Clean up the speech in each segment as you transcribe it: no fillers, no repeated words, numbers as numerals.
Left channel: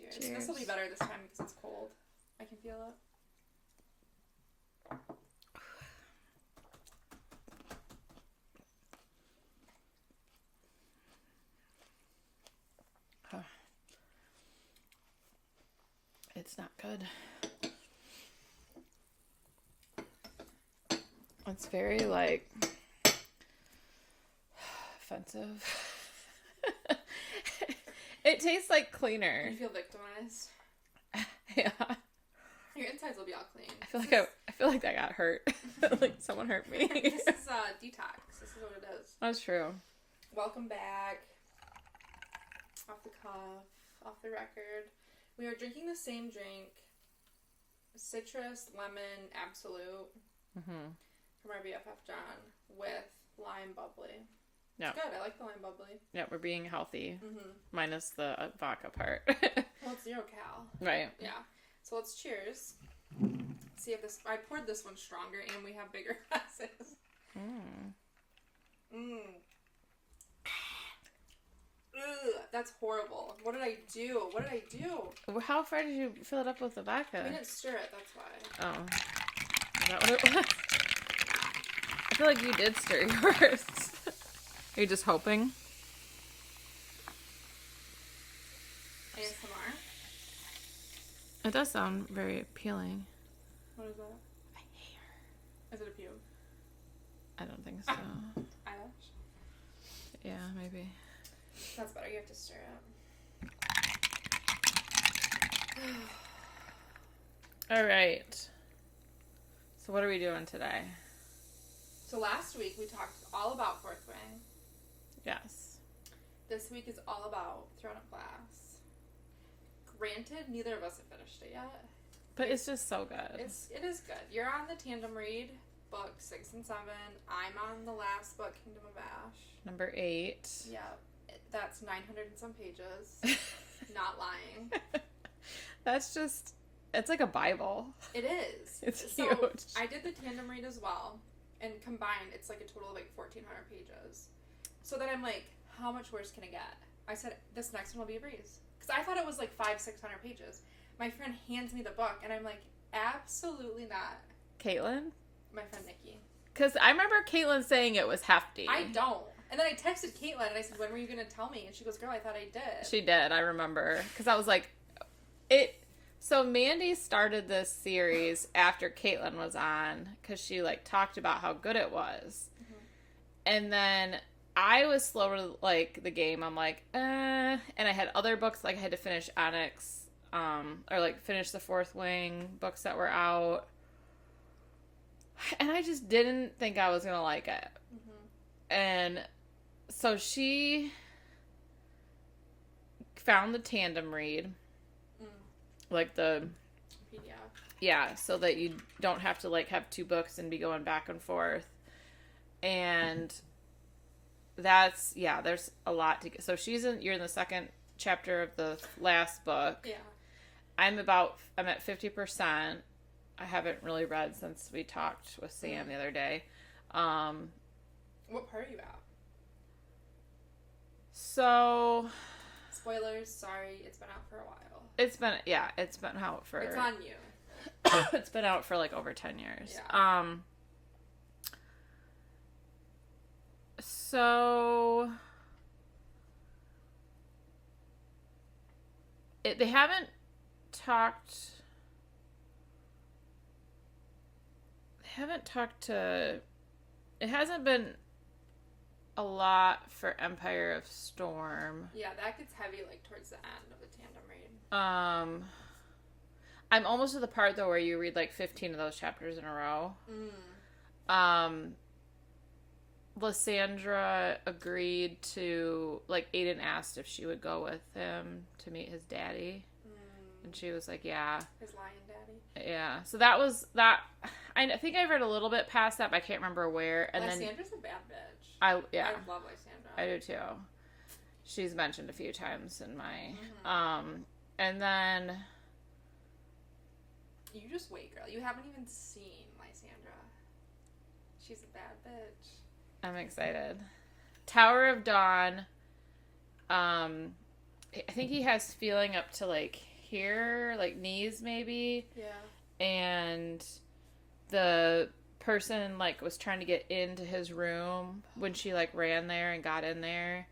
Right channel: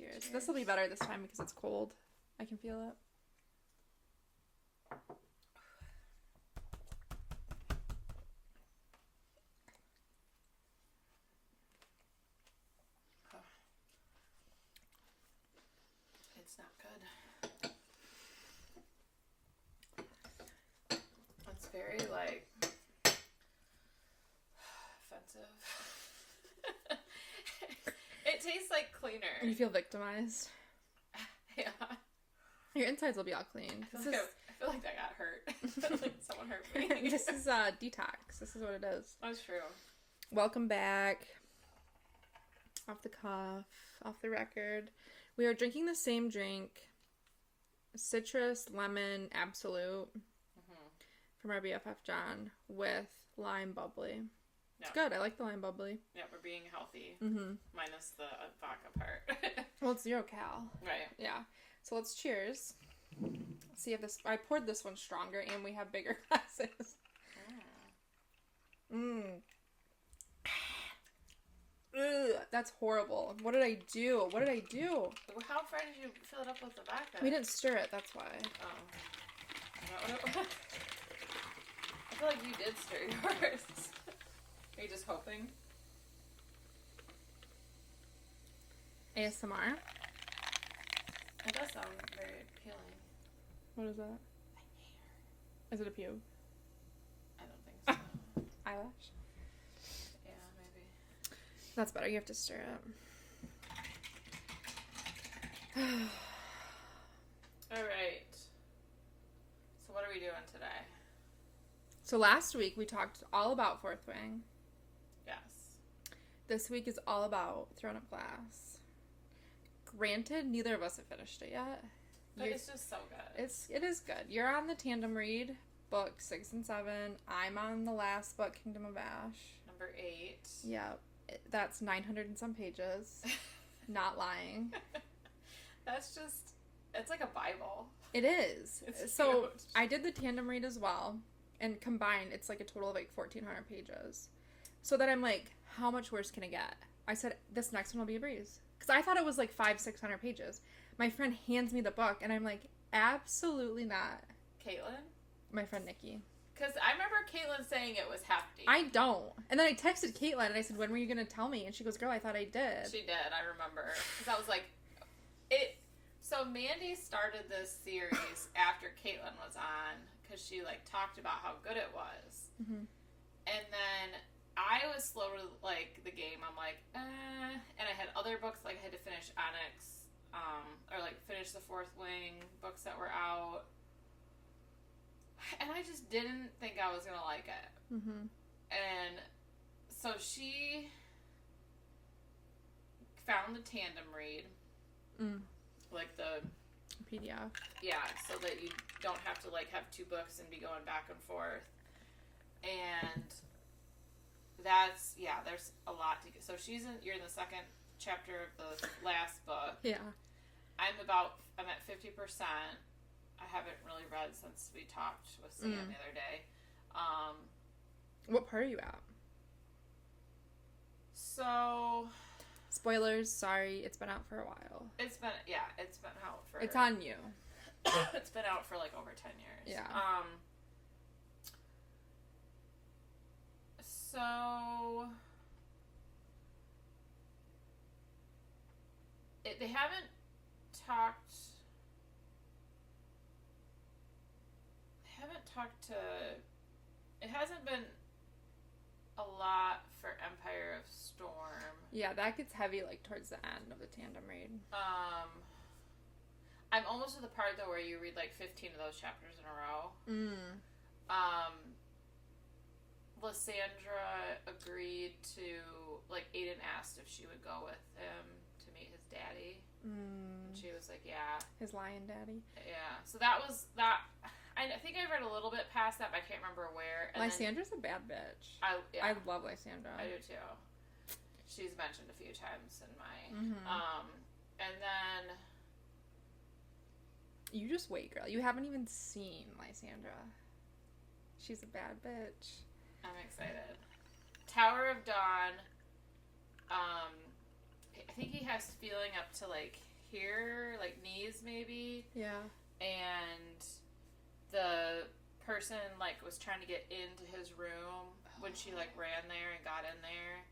Cheers. Cheers. This will be better this time because it's cold. I can feel it. It's not good. It's very, like, offensive. It tastes like cleaner. You feel victimized. Yeah. Your insides will be all clean. I feel like that got hurt. Like someone hurt me. This is detox. This is what it is. That's true. Welcome back. Off the cuff, off the record. We are drinking the same drink, citrus, lemon, absolute, from our BFF John, with lime bubbly. It's good. I like the lime bubbly. Yeah, we're being healthy. Minus the vodka part. Well, it's 0 cal. Right. Yeah. So let's cheers. See if this... I poured this one stronger and we have bigger glasses. Ugh, that's horrible. What did I do? How far did you fill it up with the vodka? We didn't stir it, that's why. Oh. Is that what it was? I feel like you did stir yours. Are you just hoping? ASMR? It does sound very appealing. What is that? My hair. Is it a pube? I don't think so. Eyelash? Yeah, maybe. That's better. You have to stir it. All right. So what are we doing today? So last week we talked all about Fourth Wing. Yes. This week is all about Throne of Glass. Granted, neither of us have finished it yet. But it's just so good. It is good. You're on the tandem read, book 6 and 7. I'm on the last book, Kingdom of Ash. Number 8. Yeah. That's 900 and some pages. Not lying. That's just... It's like a Bible. It is. It's so huge. I did the tandem read as well. And combined, it's like a total of like 1,400 pages. So then I'm like, how much worse can it get? I said, this next one will be a breeze. Because I thought it was like 500-600 pages. My friend hands me the book, and I'm like, absolutely not. Caitlin? My friend Nikki. Because I remember Caitlin saying it was hefty. I don't. And then I texted Caitlin, and I said, when were you going to tell me? And she goes, girl, I thought I did. She did, I remember. Because I was like, it... So Mandy started this series after Caitlin was on, because she, like, talked about how good it was. And then I was slow to, like, the game. I'm like, and I had other books, like, I had to finish Onyx, or, like, finish the Fourth Wing books that were out. And I just didn't think I was going to like it. And so she found the tandem read. Like the... PDF. Yeah, so that you don't have to, like, have 2 books and be going back and forth. And that's... Yeah, there's a lot to get. So you're in the second chapter of the last book. Yeah. I'm at 50%. I haven't really read since we talked with Sam the other day. What part are you at? So... Spoilers, sorry, it's been out for a while. It's been out for... It's on you. It's been out for, like, over 10 years. Yeah. So... They haven't talked... It hasn't been a lot for Empire of Storm. Yeah, that gets heavy, like, towards the end of the tandem read. I'm almost to the part, though, where you read, like, 15 of those chapters in a row. Lysandra agreed to, like, Aiden asked if she would go with him to meet his daddy. And she was like, yeah. His lion daddy. Yeah. So that was that. I think I read a little bit past that, but I can't remember where. And Lysandra's a bad bitch. I love Lysandra. I do too. She's mentioned a few times in my and then you just wait, girl. You haven't even seen Lysandra. She's a bad bitch. I'm excited. Tower of Dawn. I think he has feeling up to, like, here, like knees maybe. Yeah. And the person like was trying to get into his room when she like ran there and got in there.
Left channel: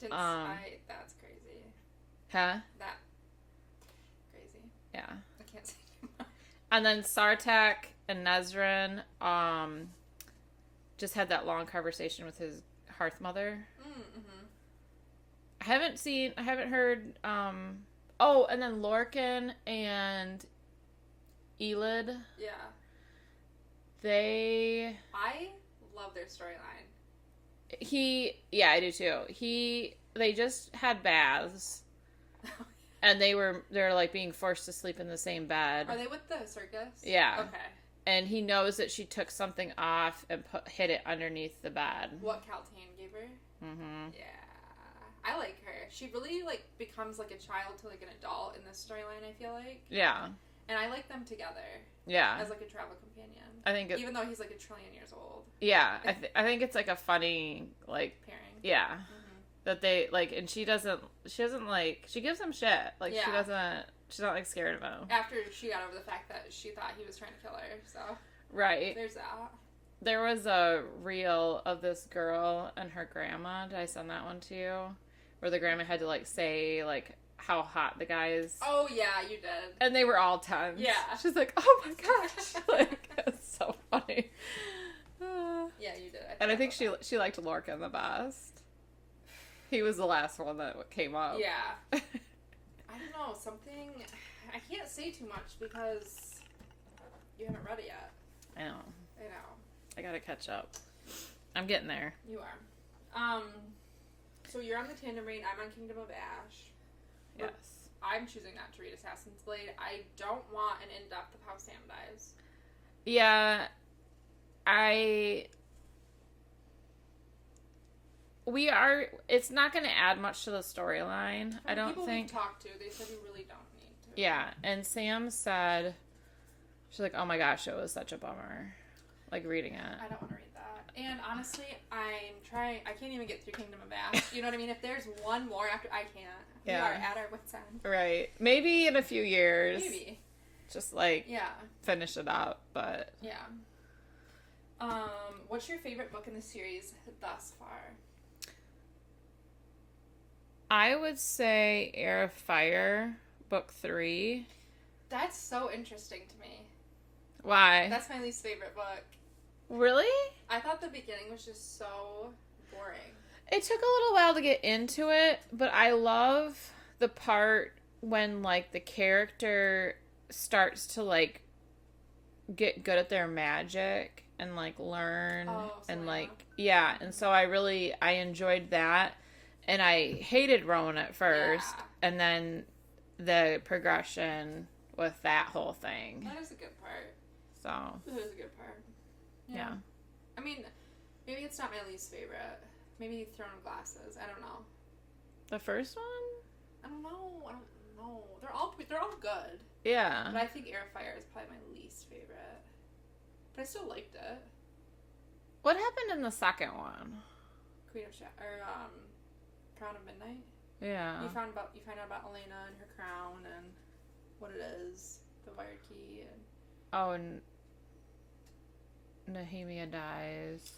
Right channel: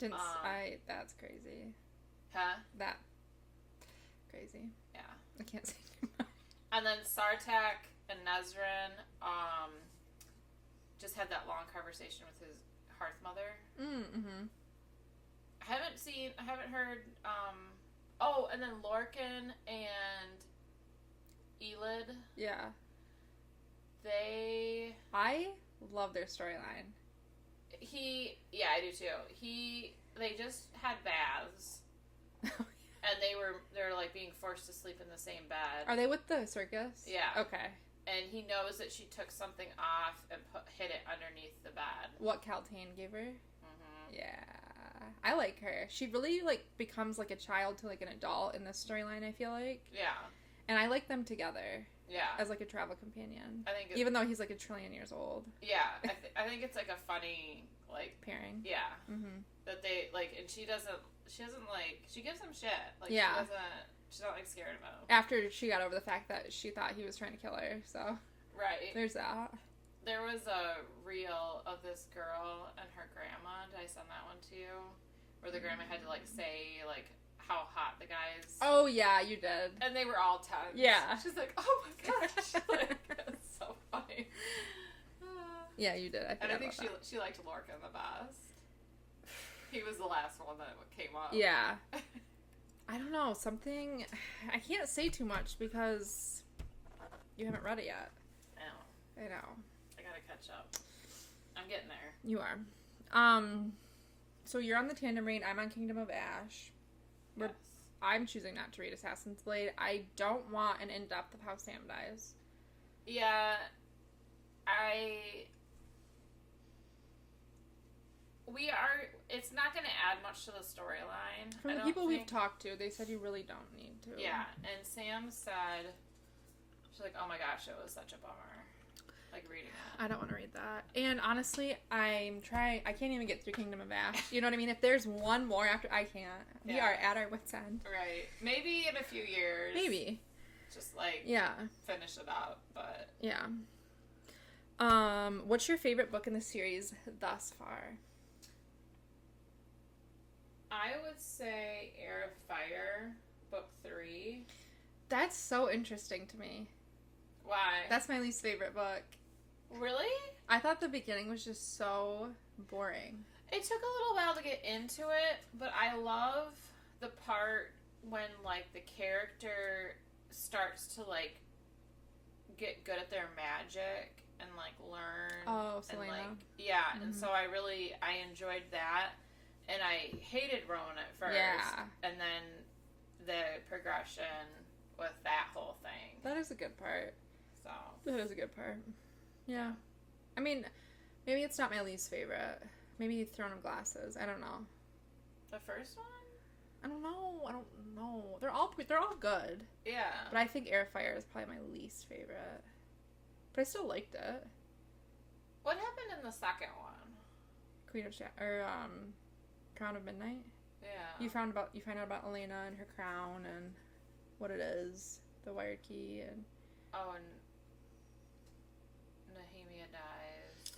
That's crazy. Huh? That crazy. Yeah. I can't say too much. And then Sartak and Nezrin just had that long conversation with his hearth mother. Mm-hmm. I haven't heard, oh, and then Lorcan and Elid. Yeah. I love their storyline. Yeah, I do too. They just had baths. And they're like being forced to sleep in the same bed. Are they with the circus? Yeah. Okay. And he knows that she took something off and hid it underneath the bed. What Caltaine gave her? Mm-hmm. Yeah. I like her. She really, like, becomes, like, a child to, like, an adult in this storyline, I feel like. Yeah. And I like them together. Yeah. As, like, a travel companion. I think even though he's, like, a trillion years old. Yeah. I think it's, like, a funny, like... pairing. Yeah. Mm-hmm. That they, like... And she doesn't, like... She gives him shit. Like, yeah. She's not, like, scared of him. After she got over the fact that she thought he was trying to kill her, so... Right. There's that. There was a reel of this girl and her grandma. Did I send that one to you? Where the grandma had to, like, say, like, how hot the guy is. Oh, yeah, you did. And they were all tense. Yeah. She's like, oh my gosh. Like, it's so funny. Yeah, you did. I think she liked Lorcan the best. He was the last one that came up. Yeah. I don't know, something... I can't say too much because you haven't read it yet. I know. I gotta catch up. I'm getting there. You are. So you're on the Tandem Reign. I'm on Kingdom of Ash. Yes. I'm choosing not to read Assassin's Blade. I don't want an in-depth of how Sam dies. Yeah. It's not going to add much to the storyline. From the people we've talked to, they said we really don't need to. Yeah, and Sam said, she's like, oh my gosh, it was such a bummer. Like, reading it. I don't want to read that. And honestly, I can't even get through Kingdom of Ash. You know what I mean? If there's one more after, I can't. Yeah. We are at our wit's end. Right. Maybe in a few years. Maybe. Just, like, yeah, finish it up, but... Yeah. What's your favorite book in the series thus far? I would say Air of Fire, book 3. That's so interesting to me. Why? That's my least favorite book. Really? I thought the beginning was just so boring. It took a little while to get into it, but I love the part when, like, the character starts to, like, get good at their magic and, like, learn. Oh, and, Selena. like, yeah. Mm-hmm. And so I enjoyed that. And I hated Rowan at first. Yeah. And then the progression with that whole thing. That is a good part. So. That is a good part. Yeah. I mean, maybe it's not my least favorite. Maybe Throne of Glasses. I don't know. The first one? I don't know. They're all good. Yeah. But I think Air of Fire is probably my least favorite. But I still liked it. What happened in the second one? Crown of Midnight. Yeah. You find out about Elena and her crown and what it is, the Wired Key, and Nehemia dies.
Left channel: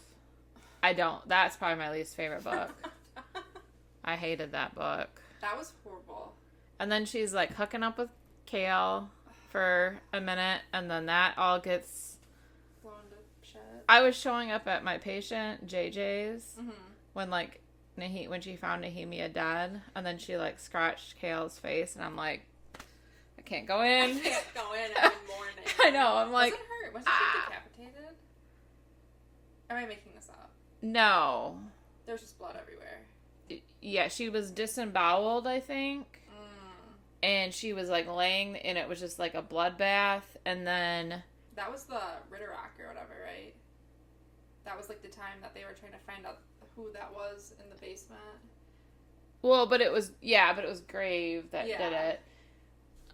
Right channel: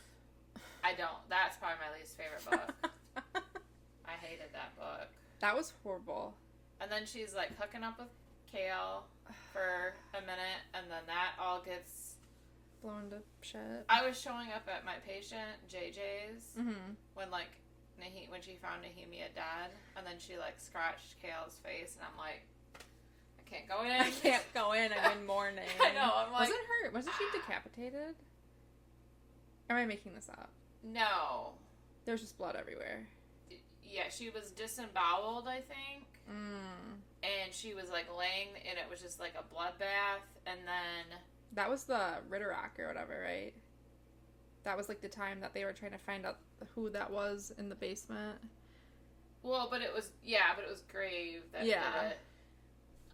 I don't. That's probably my least favorite book. I hated that book. That was horrible. And then she's like hooking up with Kale for a minute, and then that all gets blown to shit. I was showing up at my patient JJ's mm-hmm. when she found Nehemia dead, and then she like scratched Kale's face, and I'm like, I can't go in. I'm in mourning. I know. I'm like, wasn't she decapitated? Am I making this up? No. There was just blood everywhere. Yeah, she was disemboweled, I think. And she was like laying, and it was just like a bloodbath, and then... That was the Ritterrock or whatever, right? That was like the time that they were trying to find out who that was in the basement. Well, but it was Grave that did it.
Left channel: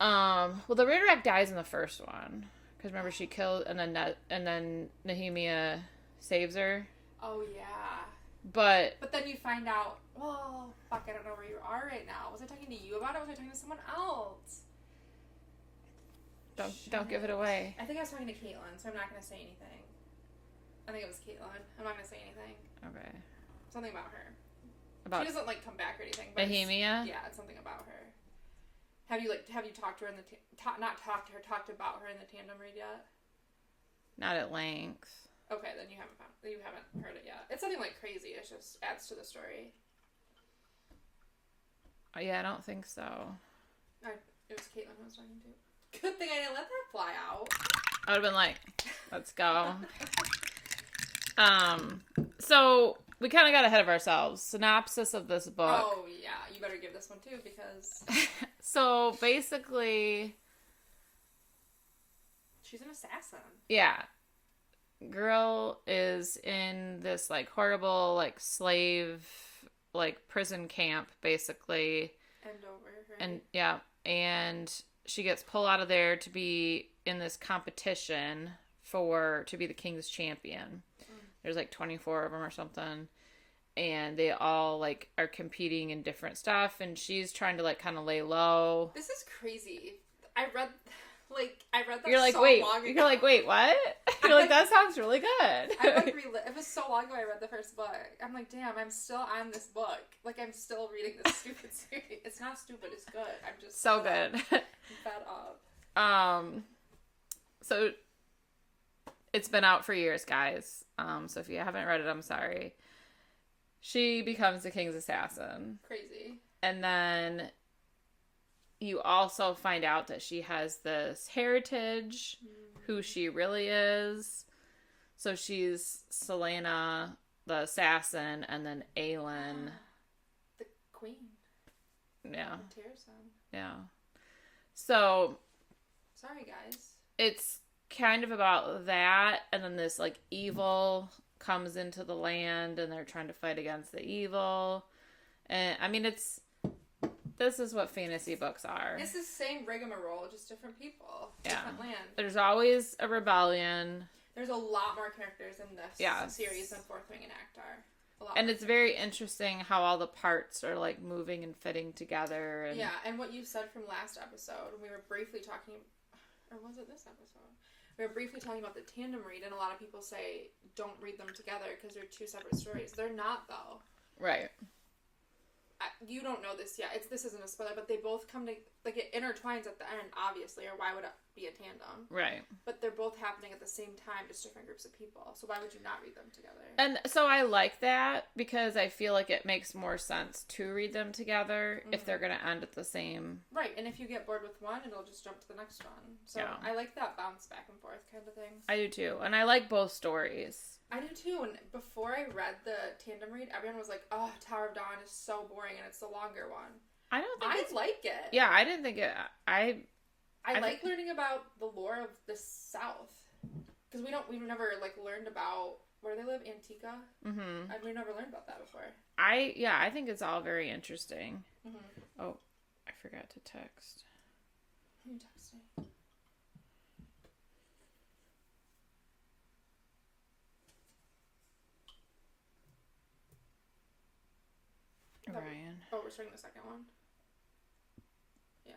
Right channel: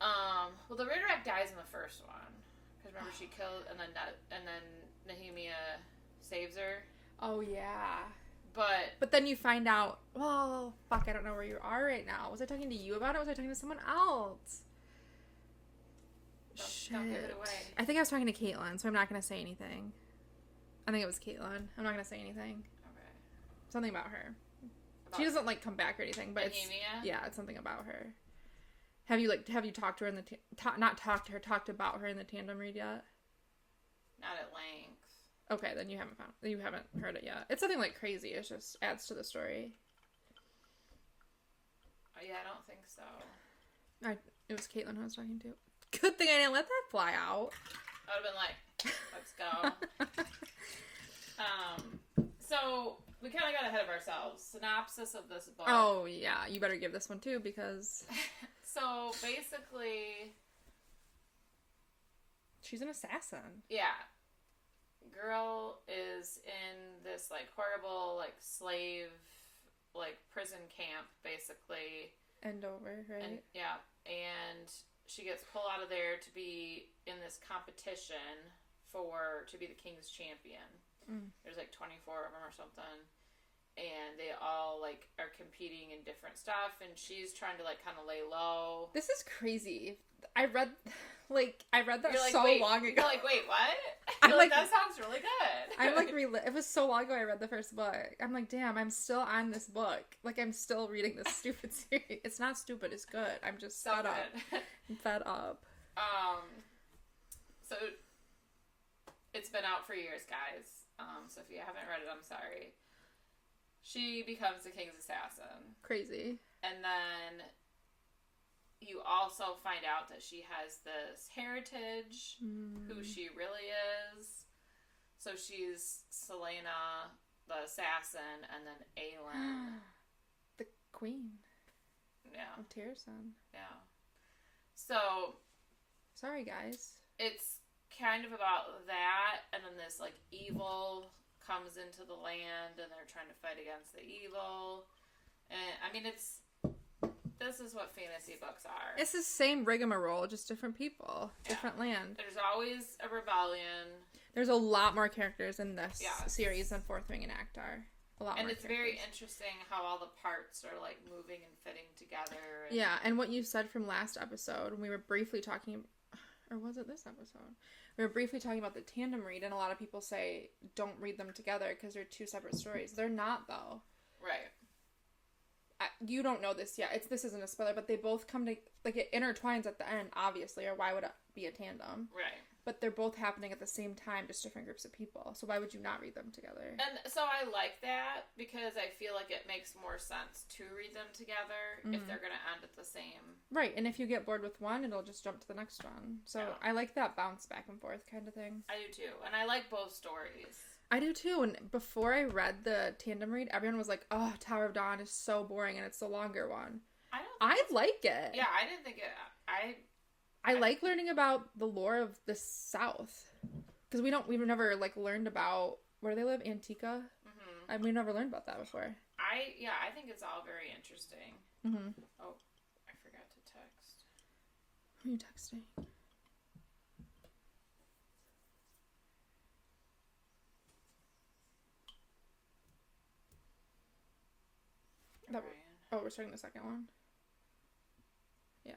Well, the Ritterrock dies in the first one. Because remember, she killed, and then Nehemia saves her. Oh, yeah. But then you find out, well, fuck, I don't know where you are right now. Was I talking to you about it, or was I talking to someone else? Don't give it away. I think I was talking to Caitlin, so I'm not going to say anything. I think it was Caitlin. I'm not going to say anything. Okay. Something about her. About she doesn't like come back or anything. But Bohemia? Yeah, it's something about her. Have you talked to her in the not talked to her, talked about her in the tandem read yet? Not at length. Okay, then you haven't heard it yet. It's something like crazy. It just adds to the story. Oh, yeah, I don't think so. It was Caitlin who I was talking to. Good thing I didn't let that fly out. I would have been like, let's go. So we kind of got ahead of ourselves. Synopsis of this book. Oh, yeah. You better give this one, too, because... So, basically... She's an assassin. Yeah. Girl is in this, like, horrible, like, slave, like, prison camp, basically. Endover, right? And, yeah. And she gets pulled out of there to be in this competition to be the king's champion. There's like 24 of them or something, and they all like are competing in different stuff, and she's trying to like kind of lay low. This is crazy. I read that You're like, so wait, long ago. You're like, wait, what? You're like, that sounds really good. I like it was so long ago I read the first book. I'm like, damn, I'm still on this book. Like, I'm still reading this stupid series. It's not stupid, it's good. I'm just so good. I'm fed up. So it's been out for years, guys. So if you haven't read it, I'm sorry. She becomes the king's assassin. Crazy. And then you also find out that she has this heritage, who she really is. So she's Selena, the assassin, and then Aelin. The queen. Yeah. Of Tyrson. Yeah. So... Sorry, guys. It's kind of about that, and then this, like, evil comes into the land, and they're trying to fight against the evil. And, I mean, this is what fantasy books are. It's the same rigmarole, just different people. Yeah. Different land. There's always a rebellion. There's a lot more characters in this series than Fourth Ring and Actar. And it's very interesting how all the parts are, like, moving and fitting together. And... Yeah, and what you said from last episode, when we were briefly talking... Or was it this episode? We were briefly talking about the tandem read, and a lot of people say don't read them together because they're two separate stories. They're not, though. Right. You don't know this yet. This isn't a spoiler, but they both come to... Like, it intertwines at the end, obviously, or why would it be a tandem? Right. But they're both happening at the same time, just different groups of people. So why would you not read them together? And so I like that, because I feel like it makes more sense to read them together if they're going to end at the same... Right, and if you get bored with one, it'll just jump to the next one. So I like that bounce back and forth kind of thing. I do too. And I like both stories. I do too, and before I read the tandem read, everyone was like, oh, Tower of Dawn is so boring, and it's the longer one. I don't think I like it. Yeah, I didn't think it... I like learning about the lore of the South. Because we've never, like, learned about... Where do they live? Antica? Mm-hmm. We've never learned about that before. I think it's all very interesting. Mm-hmm. Oh, I forgot to text. Who are you texting? Ryan. Oh, we're starting the second one? Yeah.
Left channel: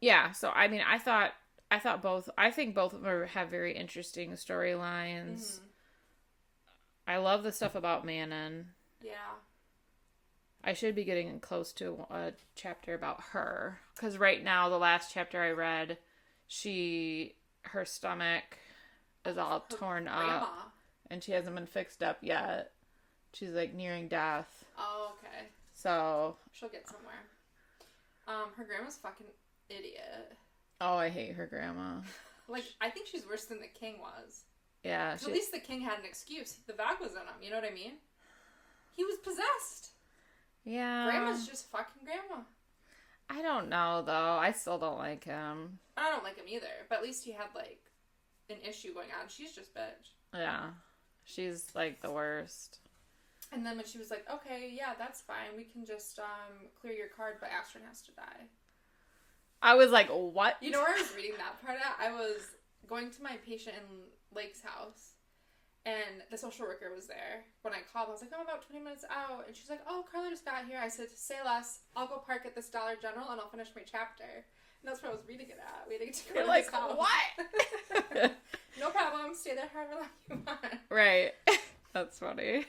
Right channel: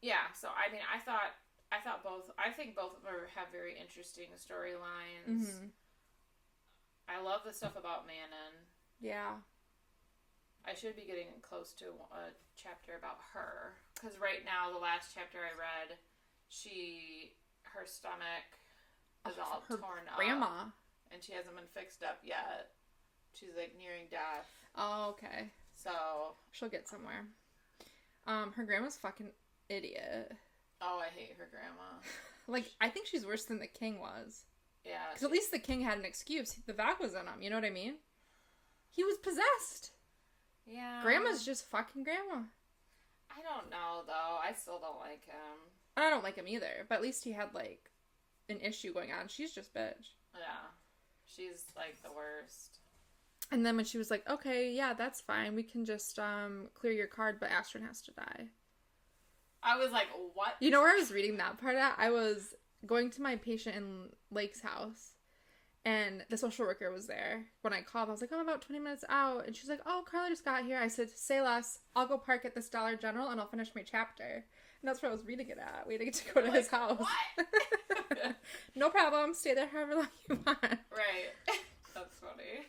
Yeah, so I mean, I think both of them have very interesting storylines. Mm-hmm. I love the stuff about Manon. Yeah. I should be getting close to a chapter about her, because right now, the last chapter I read, her stomach is all torn up, and she hasn't been fixed up yet. She's like nearing death. Oh, okay. So she'll get somewhere. Her grandma's fucking idiot. Oh, I hate her grandma. Like, I think she's worse than the king was. Yeah. At least the king had an excuse. The vac was in him. You know what I mean? He was possessed. Yeah. Grandma's just fucking grandma. I don't know though. I still don't like him. I don't like him either. But at least he had like an issue going on. She's just bitch. Yeah. She's like the worst. And then when she was like, okay, yeah, that's fine. We can just clear your card, but Astrid has to die. I was like, what? You know where I was reading that part at? I was going to my patient in Lake's house. And the social worker was there when I called. I was like, oh, about 20 minutes out. And she's like, oh, Carla just got here. I said, say less. I'll go park at this Dollar General and I'll finish my chapter. And that's where I was reading it at. Waiting to go to the call. What? No problem. Stay there however long you want. Right. That's funny.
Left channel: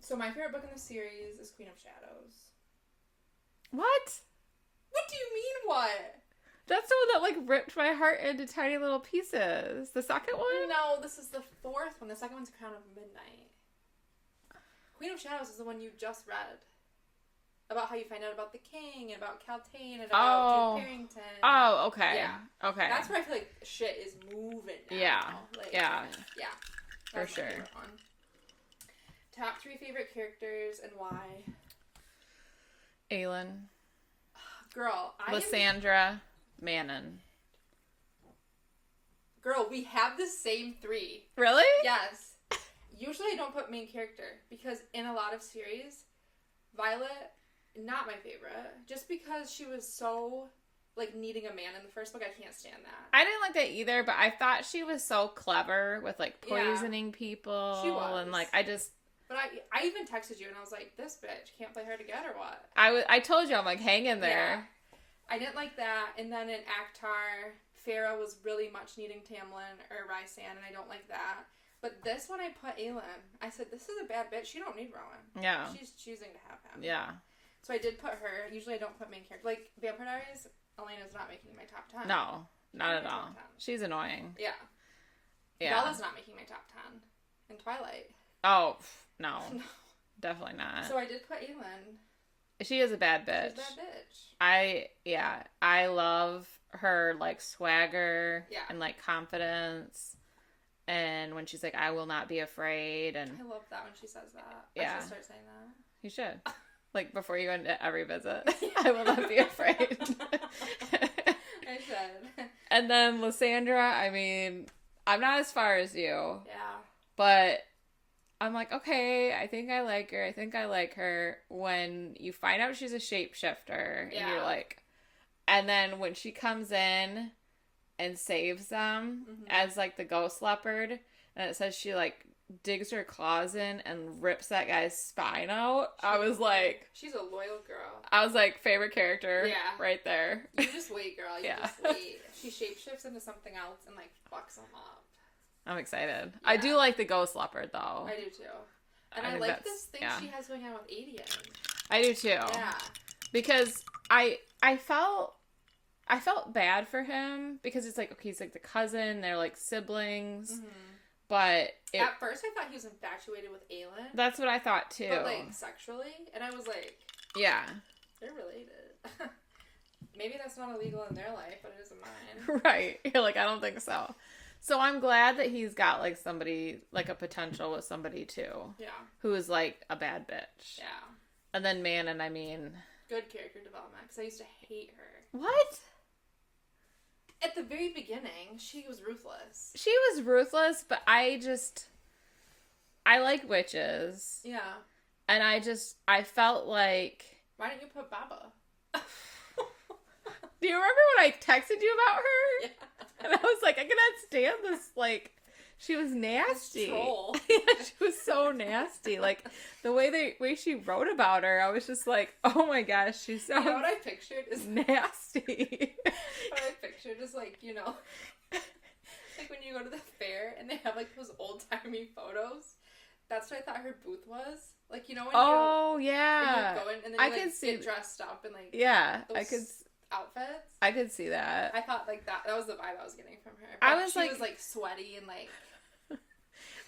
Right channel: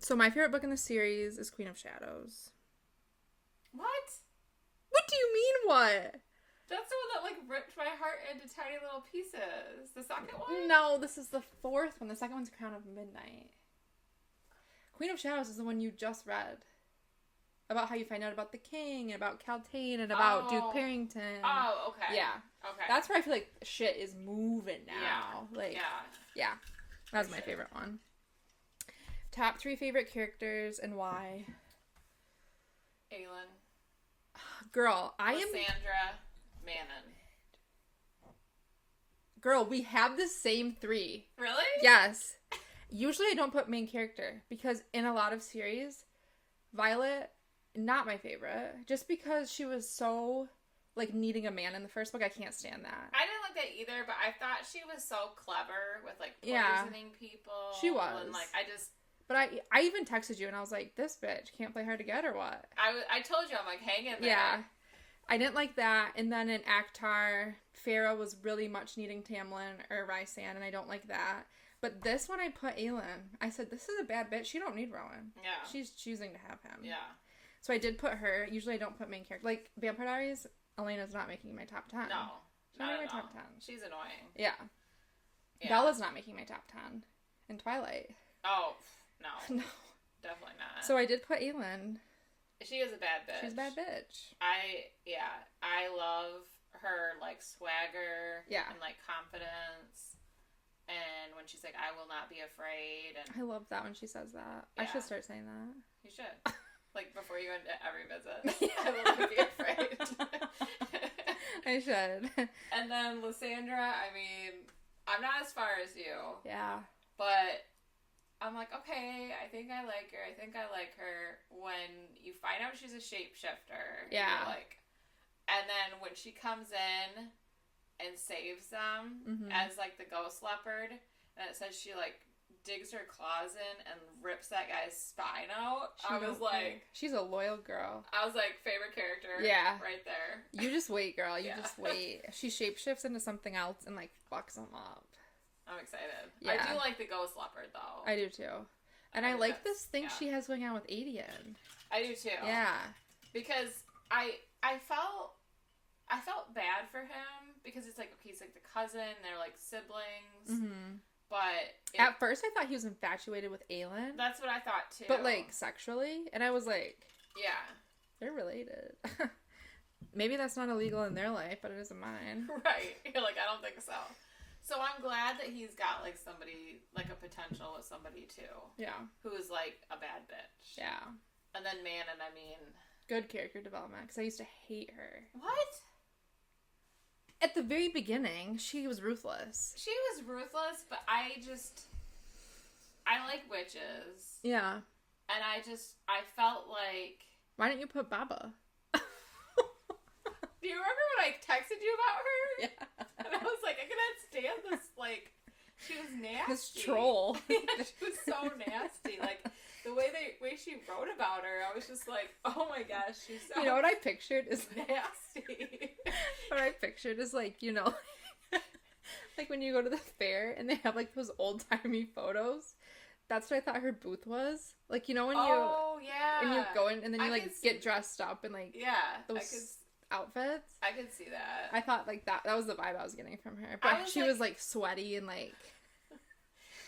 So my favorite book in the series is Queen of Shadows. What? What do you mean, what? That's the one that, like, ripped my heart into tiny little pieces. The second one? No, this is the fourth one. The second one's Crown of Midnight. Queen of Shadows is the one you just read. About how you find out about the king, and about Caltaine, and about Duke Parrington. Oh, okay. Yeah. Okay. That's where I feel like shit is moving now. Yeah. Like, yeah. Yeah. That's For my favorite one. Top 3 favorite characters and why? Aelin. Girl, Lysandra. Manon. Girl, we have the same 3. Really? Yes. Usually I don't put main character because in a lot of series, Violet, not my favorite. Just because she was so, like, needing a man in the first book, I can't stand that. I didn't like that either, but I thought she was so clever with, like, poisoning people. She was. And, like, But I even texted you and I was like, this bitch can't play hard to get or what? I told you, I'm like, hang in there. Yeah. I didn't like that. And then in Akhtar, Farah was really much needing Tamlin or Rhysand, and I don't like that. But this one I put Aelin. I said, this is a bad bitch. She don't need Rowan. Yeah. She's choosing to have him. Yeah. So I did put her. Usually I don't put main character. Like, Vampire Diaries, Elena's not making my top 10. No. Not at all. 10. She's annoying. Yeah. Yeah. Bella's not making my top 10. In Twilight. Oh, no. No. Definitely not. So I did put Aelin. She is a bad bitch. She's a bad bitch. I love her, like, swagger. Yeah. And, like, confidence. And when she's like, I will not be afraid. And I love that when she says that. Yeah. I should start saying that. You should. Like, before you go into every visit. I will not be afraid. I should. And then Lysandra, I mean, I'm not as far as you. Yeah. But I'm like, okay, I think I like her. When you find out she's a shapeshifter, Yeah. and you're like, and then when she comes in and saves them as, like, the ghost leopard, and it says she, like, digs her claws in and rips that guy's spine out, I was like, she's a loyal girl. I was like, favorite character. Yeah. Right there. You just wait, girl. You Yeah. just wait. She shapeshifts into something else and, like, fucks them up. I'm excited. Yeah. I do like the ghost leopard, though. I do too. And I think like that's- this thing yeah. she has going on with Adian. I do too. Yeah. Because I felt bad for him because it's like, okay, he's like the cousin, they're like siblings, but at first I thought he was infatuated with Aelin. That's what I thought too. But, like, sexually, and I was like, yeah, they're related. Maybe that's not illegal in their life, but it is in mine. Right. You're like, I don't think so. So I'm glad that he's got, like, somebody, like, a potential with somebody too. Yeah. Who is, like, a bad bitch. Yeah. And then Manon, I mean, Good character development, because I used to hate her. what? At the very beginning, she was ruthless. She was ruthless, but I like witches. Yeah. And I felt like... Why didn't you put Baba? Do you remember when I texted you about her? Yeah. And I was like, I cannot stand this, like, she was nasty. This troll. Yeah, she was so nasty. Like, the way she wrote about her, I was just like, oh my gosh, she's so... You know what I pictured is nasty. what I pictured is, like, you know, like when you go to the fair and they have, like, those old-timey photos. That's what I thought her booth was. Like, you know, when yeah. you go in and then you, like, get dressed up and, like, yeah, those outfits. I could see that. I thought, like, that was the vibe I was getting from her. But she was, like, sweaty and, like...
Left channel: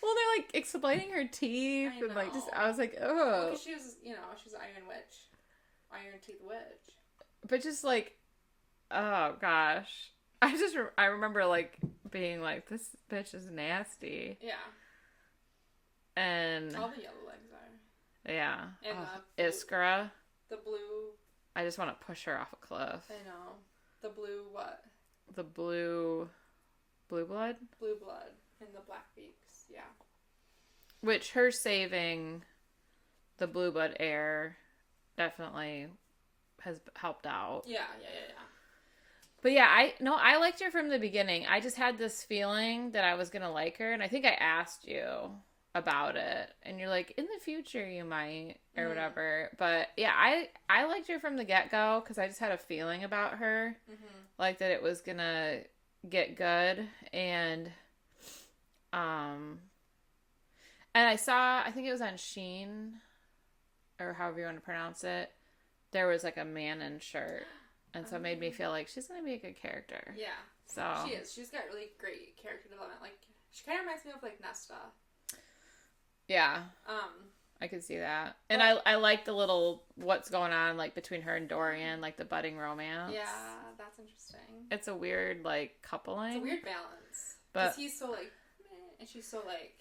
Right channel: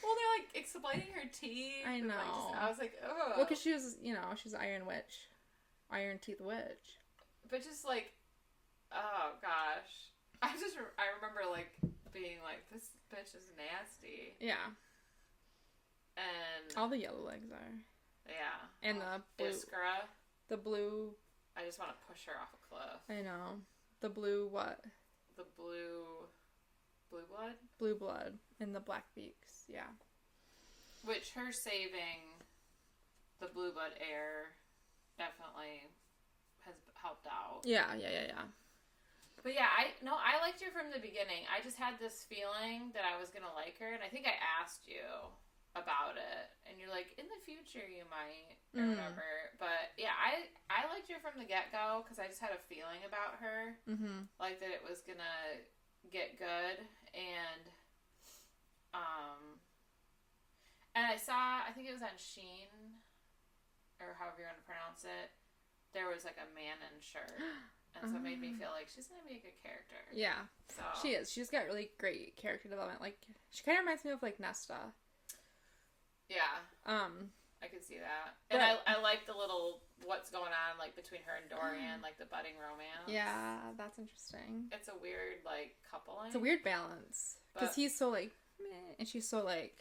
Well, they're, like, explaining her teeth. I And, like, know. I was like, ugh. Well, because she was, you know, she's Iron Witch. Iron Teeth Witch. But just, like, oh, gosh. I remember, like, being like, this bitch is nasty. Yeah. And... All the yellow legs are. Yeah. And the Iskra. The blue... I just want to push her off a cliff. I know. The blue what? The blue blood? Blue blood. And the black beaks. Yeah. Which her saving the blue blood heir definitely has helped out. Yeah. But yeah, I liked her from the beginning. I just had this feeling that I was gonna like her, and I think I asked you about it, and you're like, in the future you might, or whatever. But yeah, I liked her from the get-go because I just had a feeling about her, like that it was gonna get good, and I think it was on Sheen, or however you want to pronounce it, there was like a Manon shirt. And so it made me feel like she's going to be a good character. Yeah. So she is. She's got really great character development. Like, she kind of reminds me of, like, Nesta. Yeah. I could see that. And I like the little, what's going on, like, between her and Dorian, like, the budding romance. Yeah, that's interesting. It's a weird, like, coupling. It's a weird balance. Because he's so, like, meh, and she's so, like...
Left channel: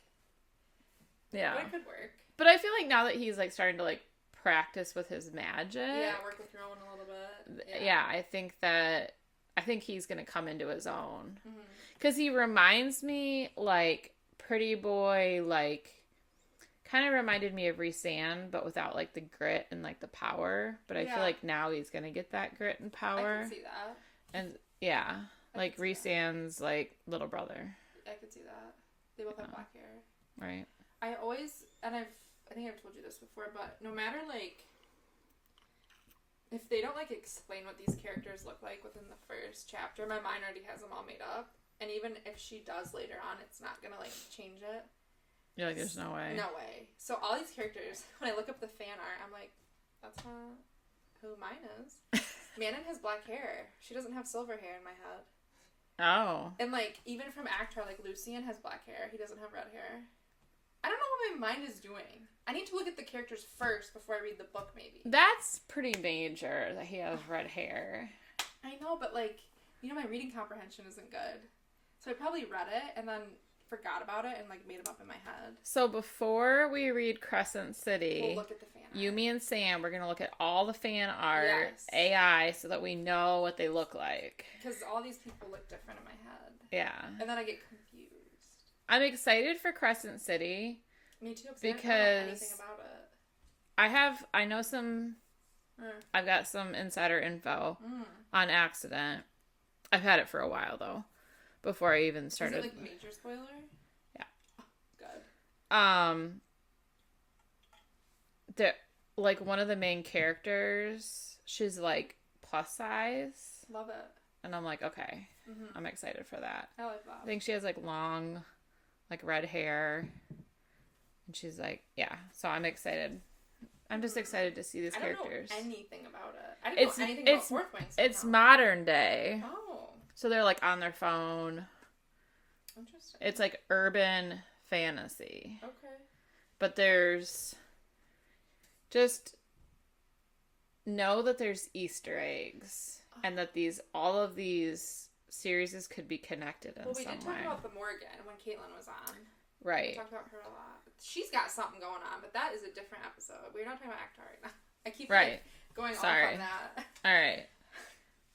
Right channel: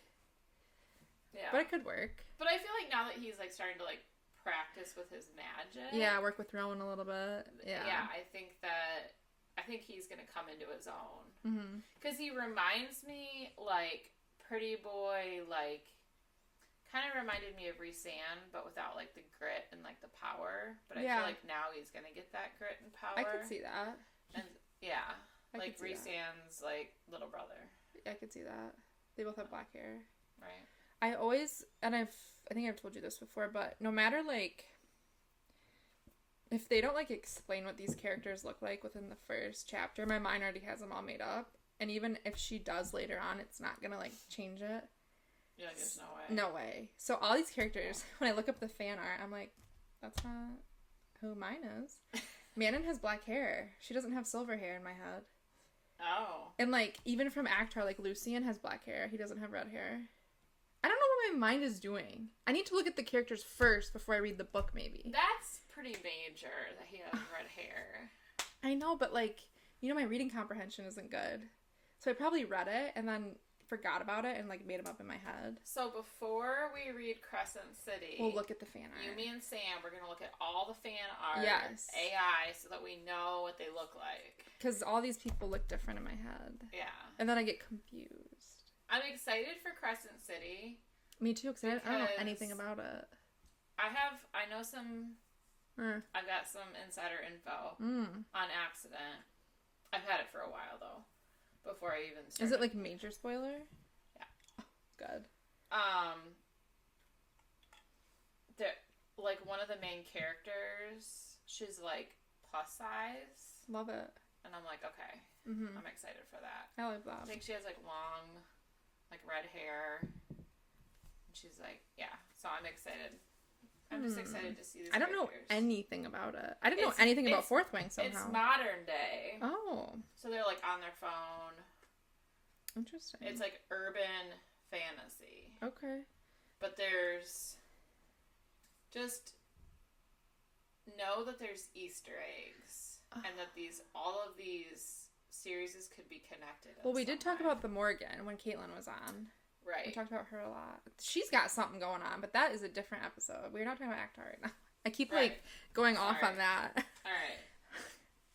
Yeah. But it could work. But I feel like now that he's, like, starting to, like, practice with his magic. Yeah, work with Rowan a little bit. Yeah, I think he's gonna come into his own. Because he reminds me, like, pretty boy, like, kind of reminded me of Rhysand, but without, like, the grit and, like, the power. But I feel like now he's gonna get that grit and power. I can see that. And, yeah, like, Rhysand's, like, little brother. I could see that. They both have black hair. Right. I always, and I think I've told you this before, but no matter, like, if they don't, like, explain what these characters look like within the first chapter, my mind already has them all made up. And even if she does later on, it's not gonna, like, change it. You're like, there's no way. No way. So all these characters, when I look up the fan art, I'm like, that's not who mine is. Manon has black hair. She doesn't have silver hair in my head. Oh. And, like, even from Actar, like, Lucian has black hair. He doesn't have red hair. I don't know what my mind is doing. I need to look at the characters first before I read the book, maybe. That's pretty major that he has red hair. I know, but, like, you know, my reading comprehension isn't good. So I probably read it and then forgot about it and, like, made them up in my head. So before we read Crescent City, we'll look at the fan art. You, me, and Sam, we're going to look at all the fan art, yes. AI, so that we know what they look like. Because all these people look different in my head. Yeah. And then I get confused. I'm excited for Crescent City. Me too, because I don't know anything about it. I know some, I've got some insider info on accident. I've had it for a while, though, before I even started. Is it, like, major spoiler? Yeah. Oh, good. Like, one of the main characters, she's, like, plus size. Love it. And I'm like, okay, I'm excited for that. I like that. I think she has, like, long, like, red hair. And she's like, yeah. So I'm excited. I'm just excited to see these characters. I don't know anything about it. I didn't know anything about Fourth Wing somehow. It's modern day. Oh. So they're, like, on their phone. Interesting. It's, like, urban fantasy. Okay. But there's... Just know that there's Easter eggs. And that all of these series could be connected in we did talk way. about the Morgan when Caitlin was on. Right. We talked about her a lot. She's got something going on, but that is a different episode. We're not talking about Actar right now. I keep, like, going off on that. All right.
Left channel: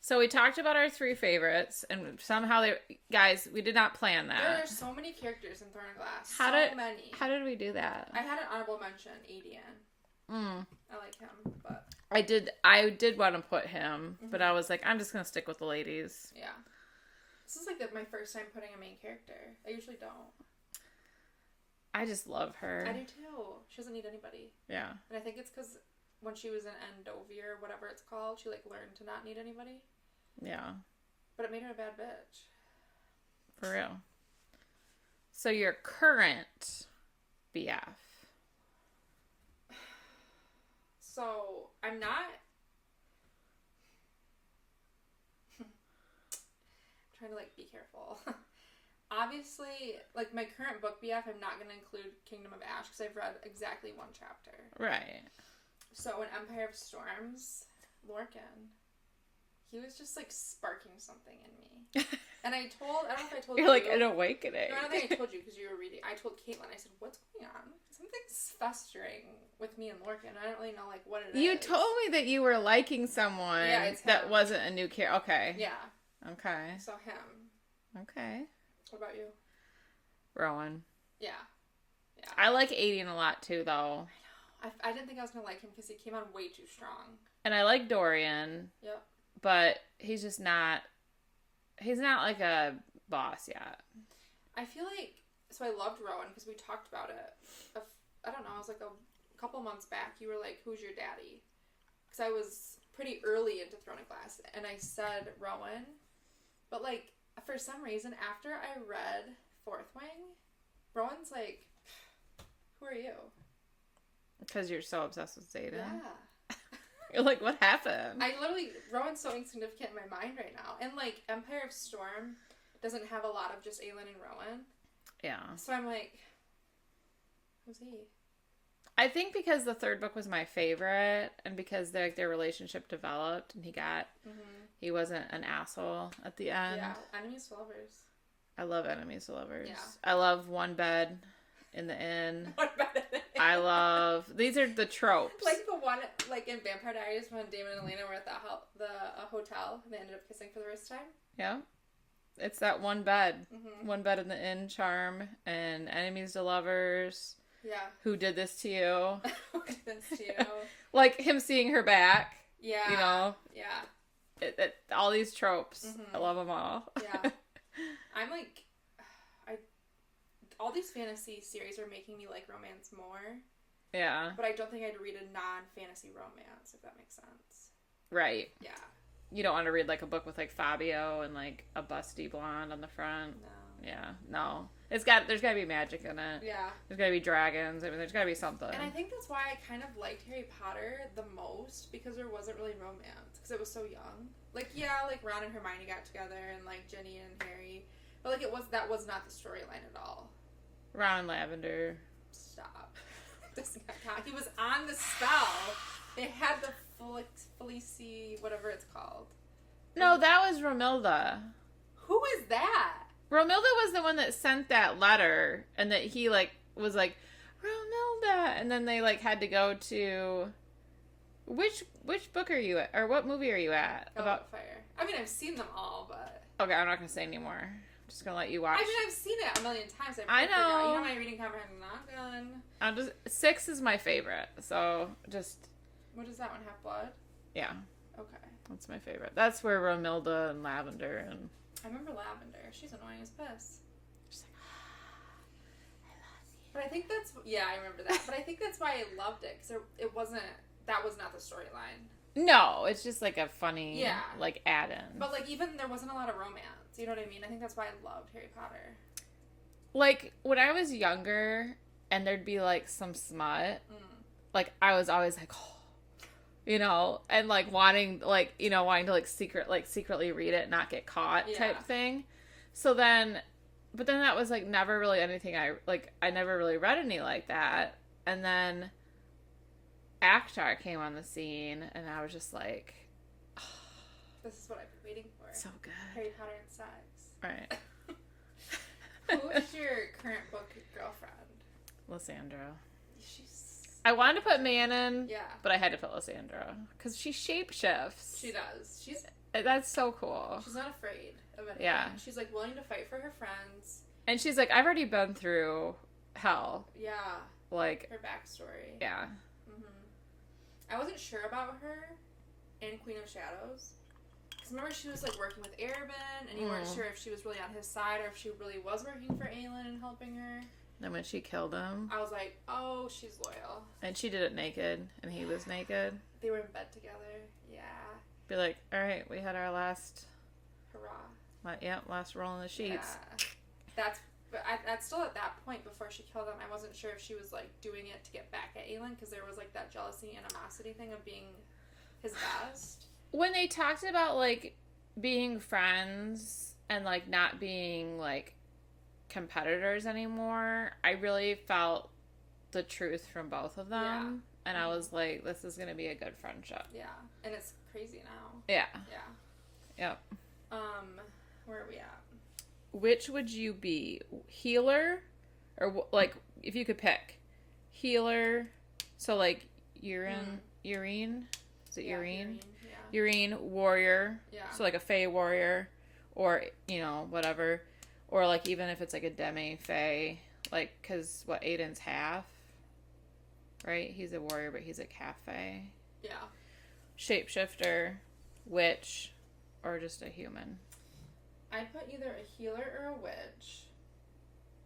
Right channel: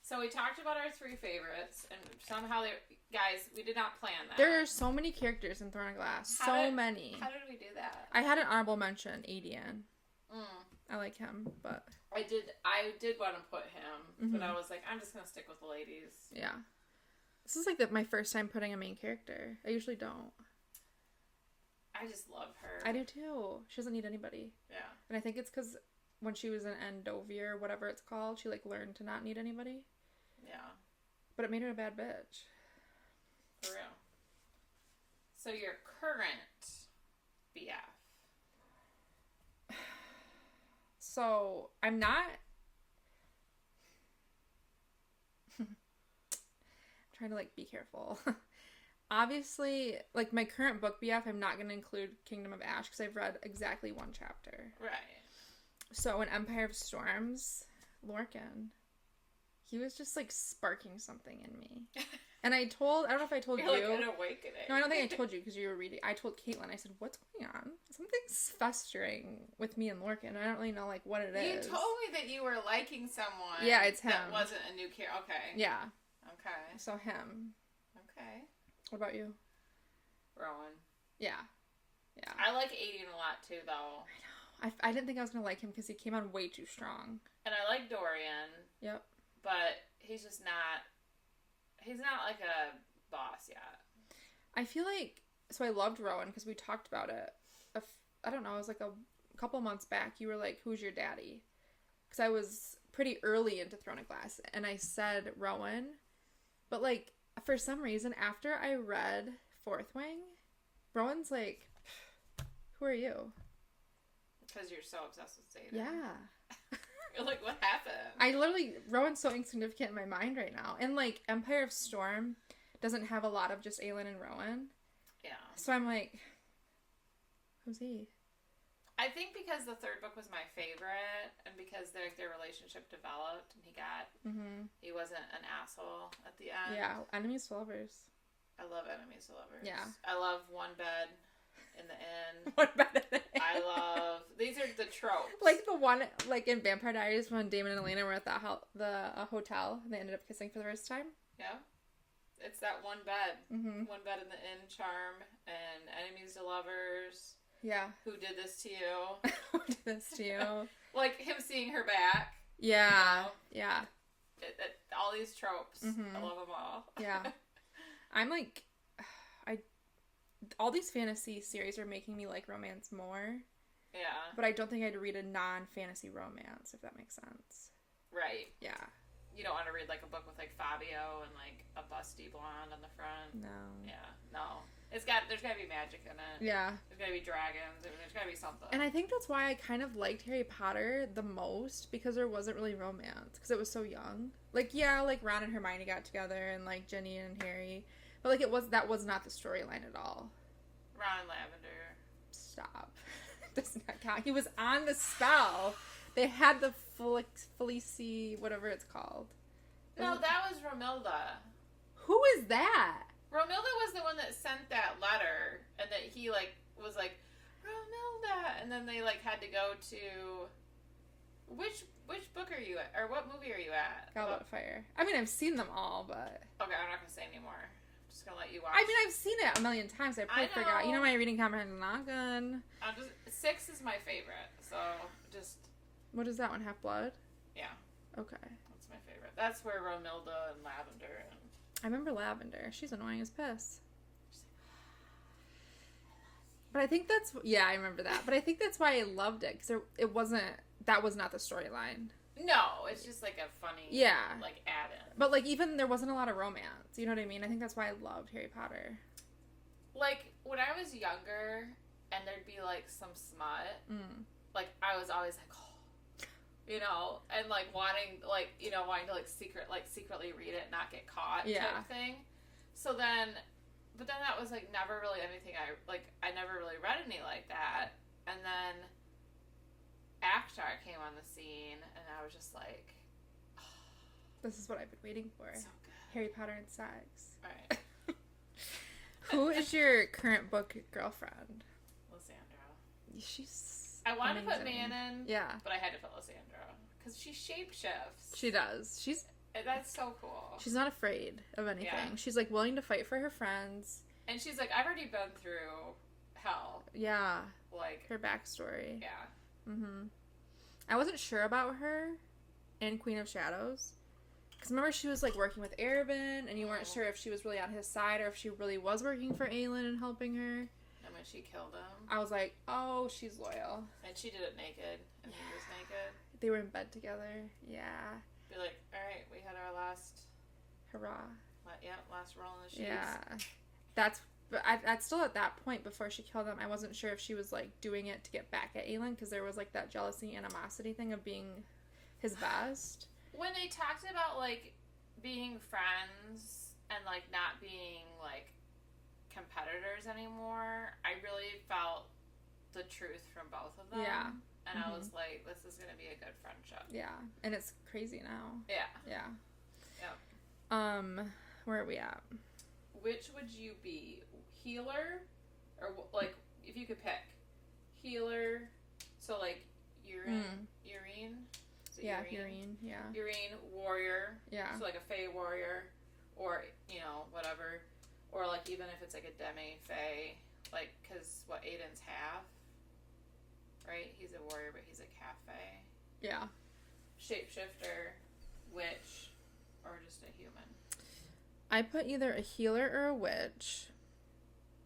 So we talked about our 3 favorites, and somehow guys, we did not plan that. There are so many characters in Throne of Glass. Many. How did we do that? I had an honorable mention, Adian. I like him, but... I did want to put him, but I was like, I'm just going to stick with the ladies. Yeah. This is, like, my first time putting a main character. I usually don't. I just love her. I do too. She doesn't need anybody. Yeah. And I think it's because when she was in Endovir, whatever it's called, she, like, learned to not need anybody. Yeah. But it made her a bad bitch. For real. So your current BF. So I'm not... trying to, like, be careful. Obviously, like, my current book BF, I'm not going to include Kingdom of Ash because I've read exactly 1 chapter. Right. So in Empire of Storms, Lorcan, he was just, like, sparking something in me. And I don't know if I told you. You're like an awakening. No, I don't think I told you because you were reading. I told Caitlin, I said, what's going on? Something's festering with me and Lorcan. I don't really know, like, what it is. You told me that you were liking someone that wasn't a new character. Okay. Yeah. Okay. So him. Okay. What about you? Rowan. Yeah. Yeah. I like Aiden a lot too, though. I know. I didn't think I was going to like him because he came on way too strong. And I like Dorian. Yep. But he's just not He's not like a boss yet. I feel like, so I loved Rowan because we talked about it. I don't know, it was like a couple months back. You were like, who's your daddy? Because I was pretty early into Throne of Glass, and I said Rowan. But like, for some reason, after I read Fourth Wing, Rowan's like, who are you? Because you're so obsessed with Zeta. Yeah. You're like, what happened? Rowan's so insignificant in my mind right now. And like, Empire of Storm doesn't have a lot of just Aelin and Rowan. Yeah. So I'm like, who's he? I think because the third book was my favorite, and because their relationship developed, and he wasn't an asshole at the end. Yeah, enemies to lovers. I love enemies to lovers. Yeah. I love one bed in the inn. One bed in the inn. I love, these are the tropes. Like the one, like in Vampire Diaries when Damon and Elena were at the hotel and they ended up kissing for the first time. Yeah. It's that one bed. One bed in the inn charm, and enemies to lovers. Yeah. Who did this to you? Who did this to you? Like him seeing her back. Yeah. You know? Yeah. All these tropes. I love them all. Yeah. I'm like, all these fantasy series are making me like romance more. Yeah. But I don't think I'd read a non-fantasy romance, if that makes sense. Right. Yeah. You don't want to read like a book with like Fabio and like a busty blonde on the front. No. Yeah. No. There's got to be magic in it. Yeah. There's got to be dragons. I mean, there's got to be something. And I think that's why I kind of liked Harry Potter the most, because there wasn't really romance, because it was so young. Like, yeah, like Ron and Hermione got together, and like Ginny and Harry, but like that was not the storyline at all. Ron and Lavender. Stop. Does not count. He was on the spell. They had the Felici, whatever it's called. No, that was Romilda. Who is that? Romilda was the one that sent that letter, and that he like was like, Romilda, and then they like had to go to which book are you at, or what movie are you at? About Fire. I mean, I've seen them all, but okay, I'm not gonna say anymore. I'm just gonna let you watch. I mean, I've seen it a million times. I know. Forgot. You know, my reading comprehension not good. 6 is my favorite, so just. What is that one? Half Blood? Yeah. Okay. That's my favorite. That's where Romilda and Lavender and. I remember Lavender. She's annoying as piss. She's like, I love you. But I think that's, yeah, I remember that. But I think that's why I loved it, because that was not the storyline. No, it's just like a funny, yeah, like add-in. But like even there wasn't a lot of romance. You know what I mean? I think that's why I loved Harry Potter. Like when I was younger, and there'd be like some smut, like I was always like, oh. You know, and like wanting to like secretly read it, not get caught type thing. So then, but then that was like never really anything I never really read any like that. And then Akhtar came on the scene, and I was just like, oh, this is what I've been waiting for. So good. Harry Potter and sex. Right. Who is your current book girlfriend? Lysandra. I wanted to put Manon, yeah, but I had to put Lysandra because she shapeshifts. She does. That's so cool. She's not afraid of anything. Yeah. She's like willing to fight for her friends. And she's like, I've already been through hell. Yeah. Like her backstory. Yeah. I wasn't sure about her in Queen of Shadows. Because remember, she was like working with Arabin, and you weren't sure if she was really on his side or if she really was working for Aelin and helping her. And when she killed him, I was like, oh, she's loyal. And she did it naked, and he was naked. They were in bed together. Yeah. Be like, all right, we had our last... Hurrah. Last roll in the sheets. Yeah. That's still at that point before she killed him. I wasn't sure if she was like doing it to get back at Aelin, because there was like that jealousy, animosity thing of being his best. When they talked about like being friends and like not being like competitors anymore, I really felt the truth from both of them. Yeah. And I was like, this is gonna be a good friendship. Yeah. And it's crazy now. Yeah. Yeah. Yep. Where are we at? Which would you be? Healer? Or like, if you could pick. Healer, so like Urine? Is it Urine? Yeah. Urine, warrior. Yeah. So like a Fae warrior, or, you know, whatever. Or like even if it's like a demi-Fae, like, because what, Aiden's half? Right? He's a warrior, but he's like half Fae. Yeah. Shapeshifter, witch, or just a human. I put either a healer or a witch.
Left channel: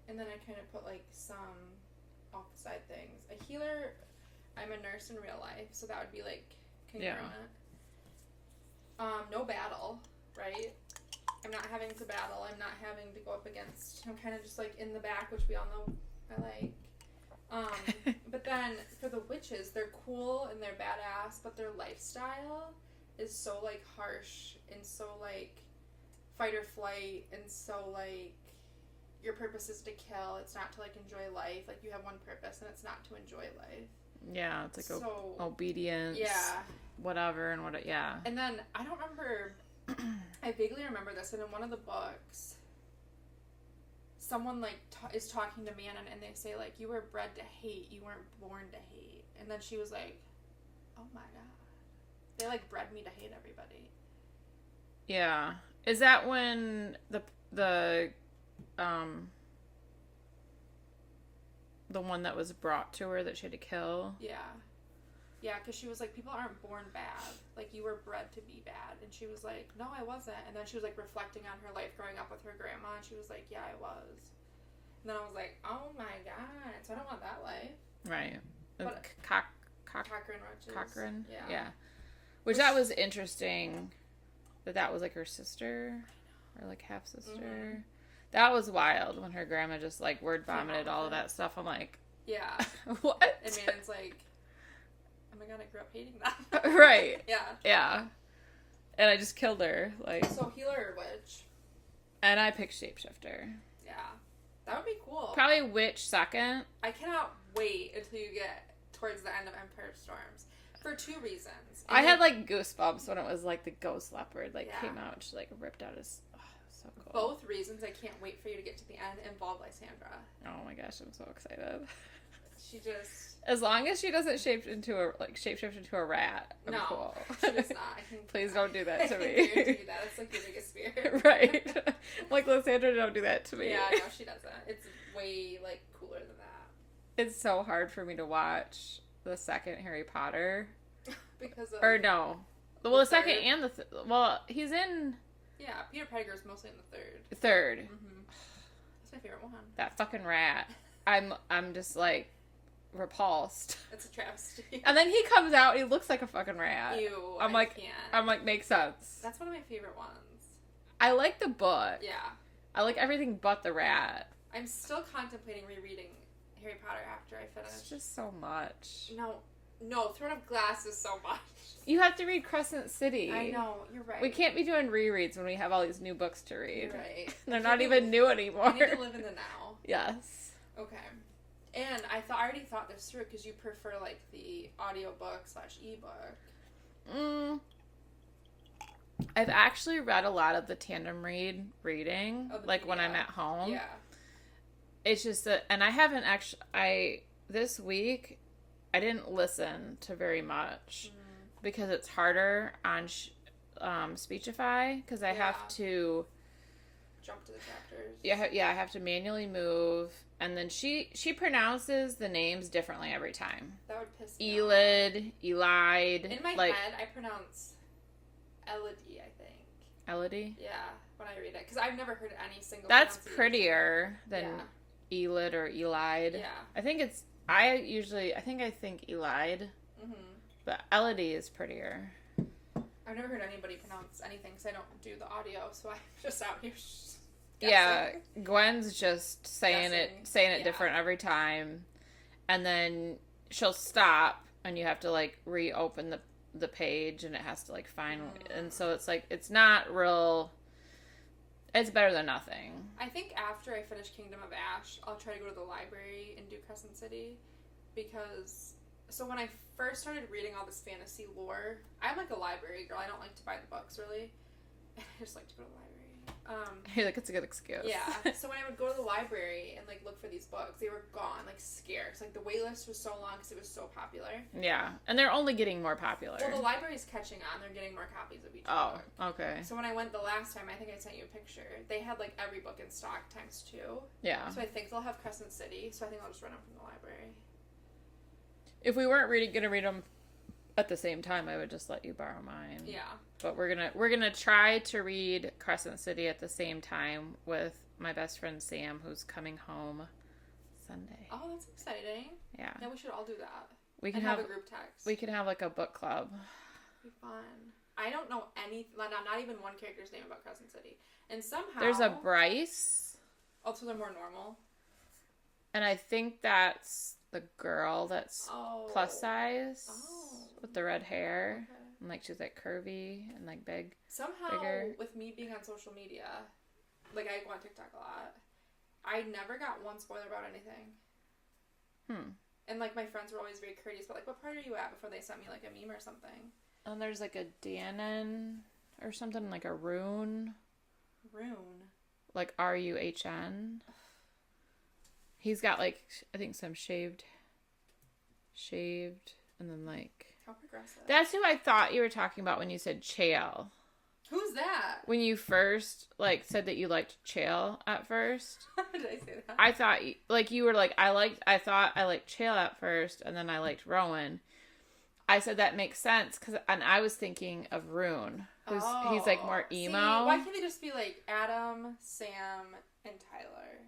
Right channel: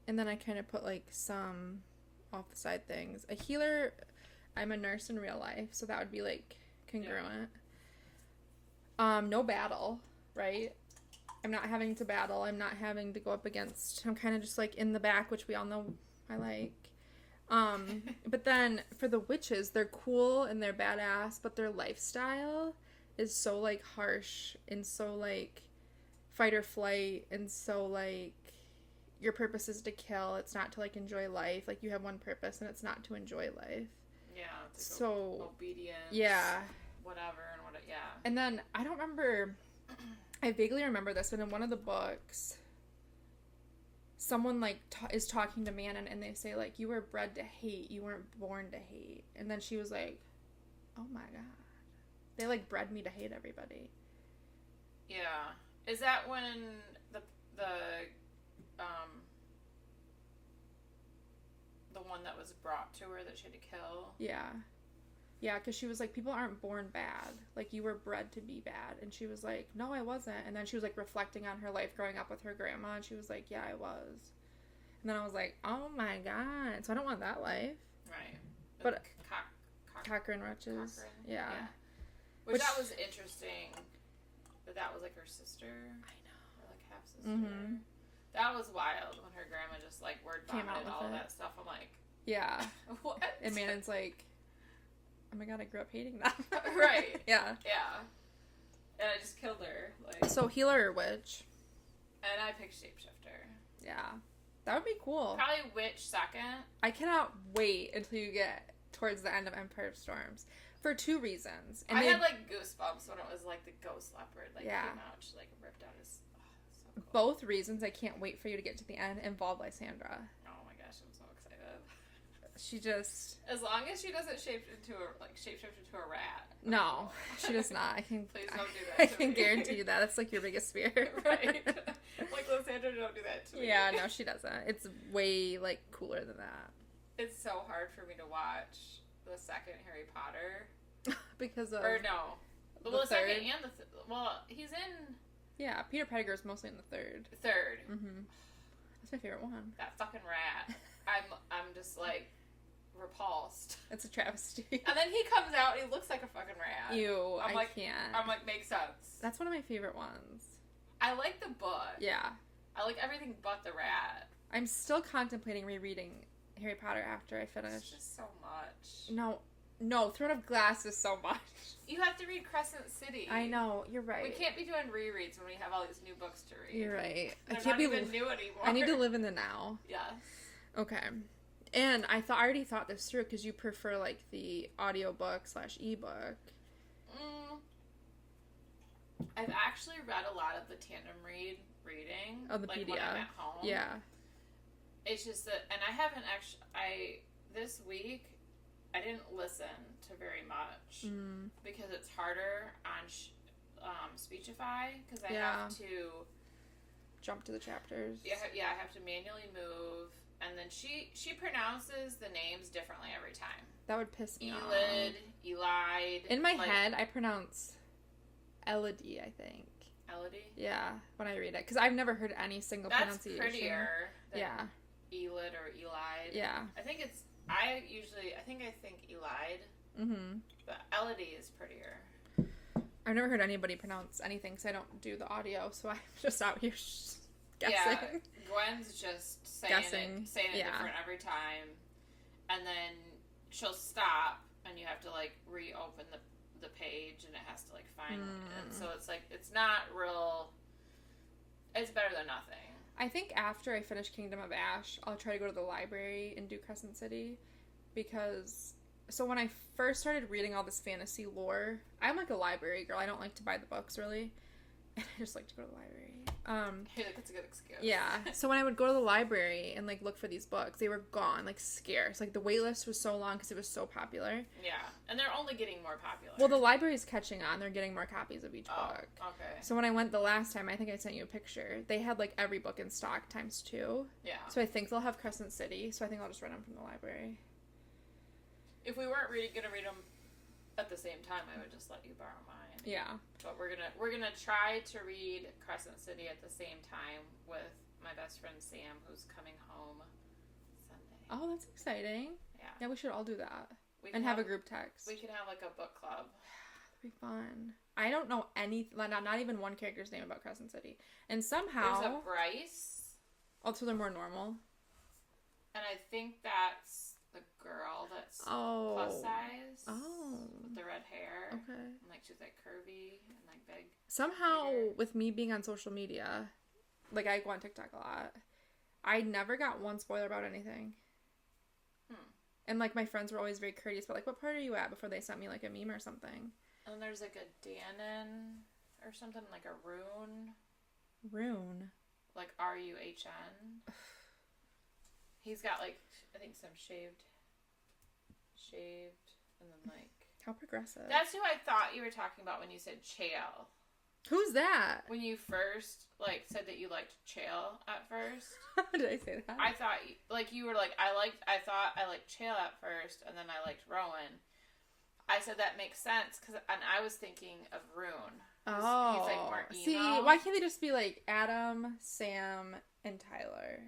And then I kind of put, like, some off the side things. A healer, I'm a nurse in real life, so that would be, like, congruent. Yeah. No battle, right? I'm not having to battle. I'm not having to go up against... I'm kind of just, like, in the back, which we all know I like. But then, for the witches, they're cool and they're badass, but their lifestyle is so, like, harsh and so, like, fight or flight and so, like, your purpose is to kill. It's not to, like, enjoy life. Like, you have one purpose, and it's not to enjoy life. Yeah, it's like obedience. Yeah. Whatever and what, yeah. And then, I don't remember... I vaguely remember this, and in one of the books, someone, like, is talking to Manon, and they say, like, you were bred to hate, you weren't born to hate. And then she was like, oh my god. They, like, bred me to hate everybody. Yeah. Is that when the one that was brought to her that she had to kill? Yeah. Yeah, because she was like, people aren't born bad. Like, you were bred to be bad. And she was like, no, I wasn't. And then she was, like, reflecting on her life growing up with her grandma. And she was like, yeah, I was. And then I was like, oh, my God. So I don't want that life. Right. But Cochrane Wretches. Cochrane. Yeah. Yeah. Which that was interesting that was, like, her sister. I know. Or, like, half-sister. Mm-hmm. That was wild when her grandma just, like, word vomited all of that stuff. I'm like... Yeah. What? And Manon's like... Oh my god, I grew up hating that. Right. Yeah. Yeah. And I just killed her. Like. So healer or witch? And I picked shapeshifter. Yeah. That would be cool. Probably witch second. I cannot wait until you get towards the end of Empire of Storms. For 2 reasons. I had like goosebumps when it was like the ghost leopard came out and she like ripped out his... Oh, so cool. Both reasons I can't wait for you to get to the end involve Lysandra. Oh my gosh, I'm so excited. She just... As long as she doesn't shapeshift into a rat. No, cool. she does not. Please don't do that to me. I can guarantee you that. It's like your biggest fear. Right. Like, Lysandra, don't do that to me. Yeah, no, she doesn't. It's way, like, cooler than that. It's so hard for me to watch the second Harry Potter. Because of... Or no. Well, the second and the... Well, he's in... Yeah, Peter Pettigrew's mostly in the third. Third. Mm-hmm. That's my favorite one. That fucking rat. I'm just, like... repulsed. It's a travesty. And then he comes out, he looks like a fucking rat. Ew, I'm like, makes sense. That's one of my favorite ones. I like the book. Yeah. I like everything but the rat. I'm still contemplating rereading Harry Potter after I finish. It's just so much. No, Throne of Glass is so much. You have to read Crescent City. I know, you're right. We can't be doing rereads when we have all these new books to read. You're right. They're not even new anymore. I need to live in the now. Yes. Okay. And I already thought this through because you prefer, like, the audiobook / ebook. I've actually read a lot of the tandem reading, like, PDF. When I'm at home. Yeah. It's just that, and I haven't actually, this week, I didn't listen to very much because it's harder on Speechify because I have to jump to the chapters. Yeah, I have to manually move. And then she pronounces the names differently every time. That would piss me off. Elide. In my head, I pronounce Elodie, I think. Elodie? Yeah, when I read it. Because I've never heard any single That's prettier than Elid or Elide. Yeah. I think I think Elide. Mm-hmm. But Elodie is prettier. I've never heard anybody pronounce anything because I don't do the audio, so I'm just out here guessing. Yeah, Gwen's just saying it different every time, and then she'll stop, and you have to like reopen the page, and it has to like find, and so it's like it's not real. It's better than nothing. I think after I finish Kingdom of Ash, I'll try to go to the library and do Crescent City, because so when I first started reading all this fantasy lore, I'm like a library girl. I don't like to buy the books really. I just like to go to the library. Hey, like it's a good excuse. Yeah. So when I would go to the library and like look for these books, they were gone, like scarce. Like the wait list was so long because it was so popular. Yeah, and they're only getting more popular. Well, the library's catching on. They're getting more copies of each book. Okay. So when I went the last time, I think I sent you a picture. They had like every book in stock ×2. Yeah. So I think they'll have Crescent City. So I think I'll just rent them from the library. If we weren't gonna read them At the same time, I would just let you borrow mine. Yeah. But we're gonna try to read Crescent City at the same time with my best friend Sam, who's coming home Sunday. Oh, that's exciting. Yeah. Yeah, we should all do that. We can have a group text. We can have like a book club. That'd be fun. I don't know not even one character's name about Crescent City. And somehow... There's a Bryce. Also, they're more normal. And I think that's the girl that's plus size. Oh. With the red hair. Okay. And like she's like curvy and like big. Somehow, bigger. with me being on social media, like I go on TikTok a lot, I never got one spoiler about anything. And like my friends were always very courteous, but like, what part are you at before they sent me like a meme or something? And there's like a Danon or something, like a Rune. Rune. Like R-U-H-N. He's got like, I think some shaved, and then like... How progressive. That's who I thought you were talking about when you said Chael. Who's that? When you first like said that you liked Chael at first. Did I say that? I thought like you were like, I thought I liked Chael at first, and then I liked Rowan. I said that makes sense, and I was thinking of Rune. He's like more emo. See, why can't they just be like Adam, Sam, and Tyler?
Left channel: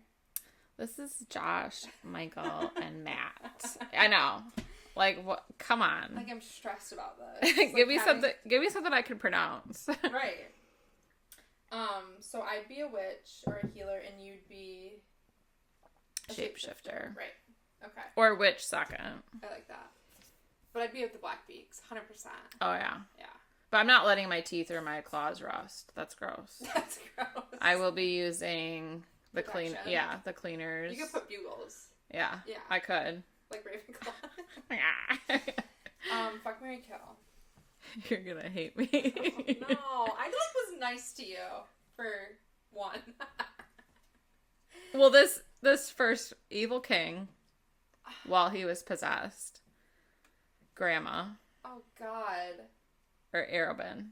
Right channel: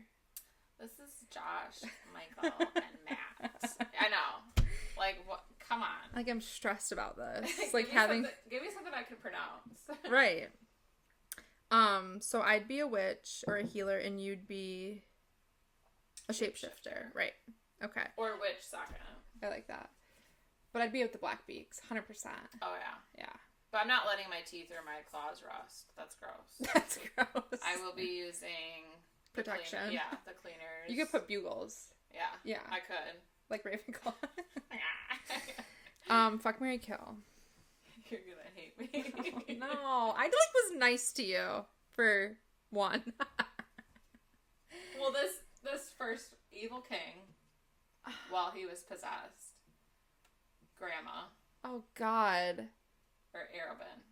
This is Josh, Michael, and Matt. I know. Like, what? Come on. Like, I'm stressed about this. Give me something I can pronounce. Right. So I'd be a witch or a healer, and you'd be a shapeshifter. Right. Okay. Or witch second. I like that. But I'd be with the Black Beaks, 100%. Oh, yeah. Yeah. But I'm not letting my teeth or my claws rust. That's gross. That's gross. I will be using the Protection. the cleaners. You could put bugles. Yeah. Yeah. I could. Like Ravenclaw. Yeah. Fuck, marry, kill. You're gonna hate me. No. I like was nice to you for one. Well, this first evil king, while he was possessed, Grandma. Oh, God. Or Arobin.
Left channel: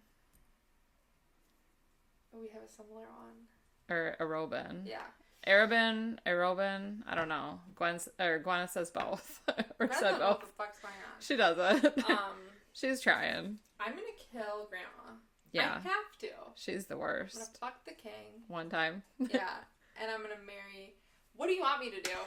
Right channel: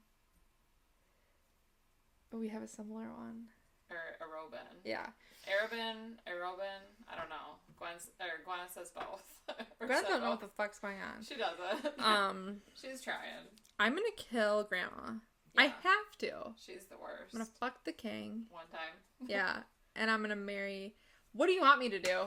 Oh, we have a similar one. Or Arobin. Yeah. Arobin, I don't know. Gwen says both. Or Gwen said doesn't know both. what the fuck's going on. She doesn't. She's trying. I'm gonna kill Grandma. Yeah. I have to. She's the worst. I'm gonna fuck the king. One time. Yeah. And I'm gonna marry... What do you want me to do?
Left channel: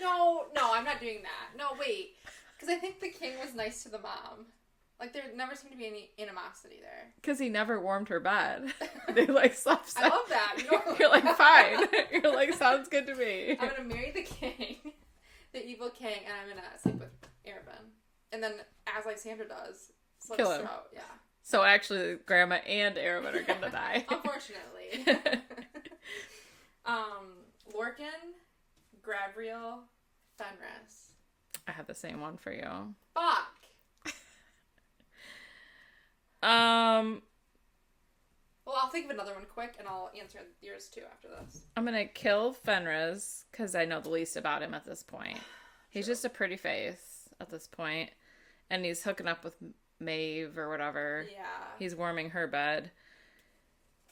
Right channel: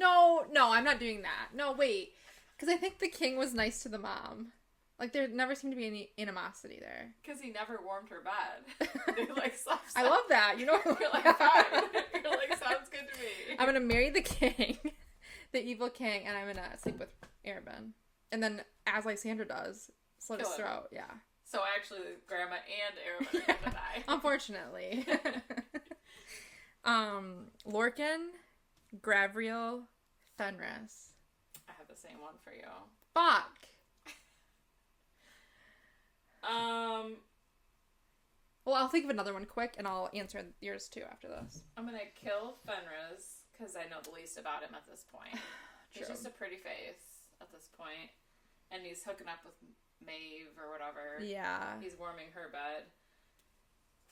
No, I'm not doing that. No, wait. Because I think the king was nice to the mom. Like, there never seemed to be any animosity there. Because he never warmed her bed. They, like, slept. I love that. You know, you're like, fine. You're like, sounds good to me. I'm going to marry the king, the evil king, and I'm going to sleep with Arobin. And then, as Lysandra does, slit his throat. Yeah. So, actually, Grandma and Arobin are going to die. Unfortunately. Lorcan, Gravriel, Fenris. I have the same one for you. Fuck. Well, I'll think of another one quick, and I'll answer yours too after this. I'm gonna kill Fenris because I know the least about him at this point. He's just a pretty face at this point, and he's hooking up with Maeve or whatever. Yeah. He's warming her bed.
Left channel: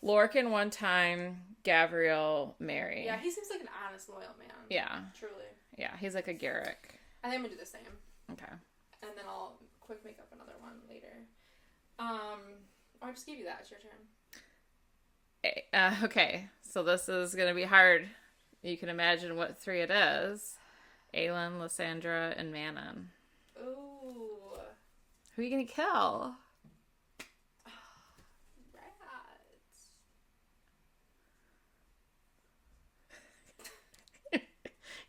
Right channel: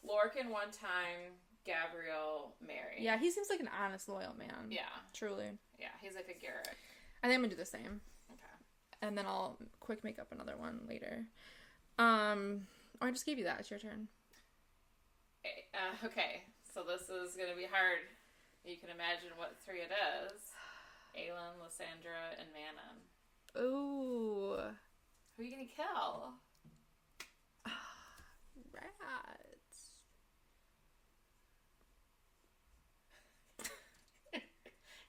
Lorcan one time, Gavriel Mary. Yeah, he seems like an honest, loyal man. Yeah. Truly. Yeah, he's like a Garrick. I think I'm gonna do the same. Okay. And then I'll quick make up another one later. I just gave you that. It's your turn. Okay, so this is gonna be hard. You can imagine what three it is. Aelin, Lysandra, and Manon. Ooh. Who are you gonna kill? Rats.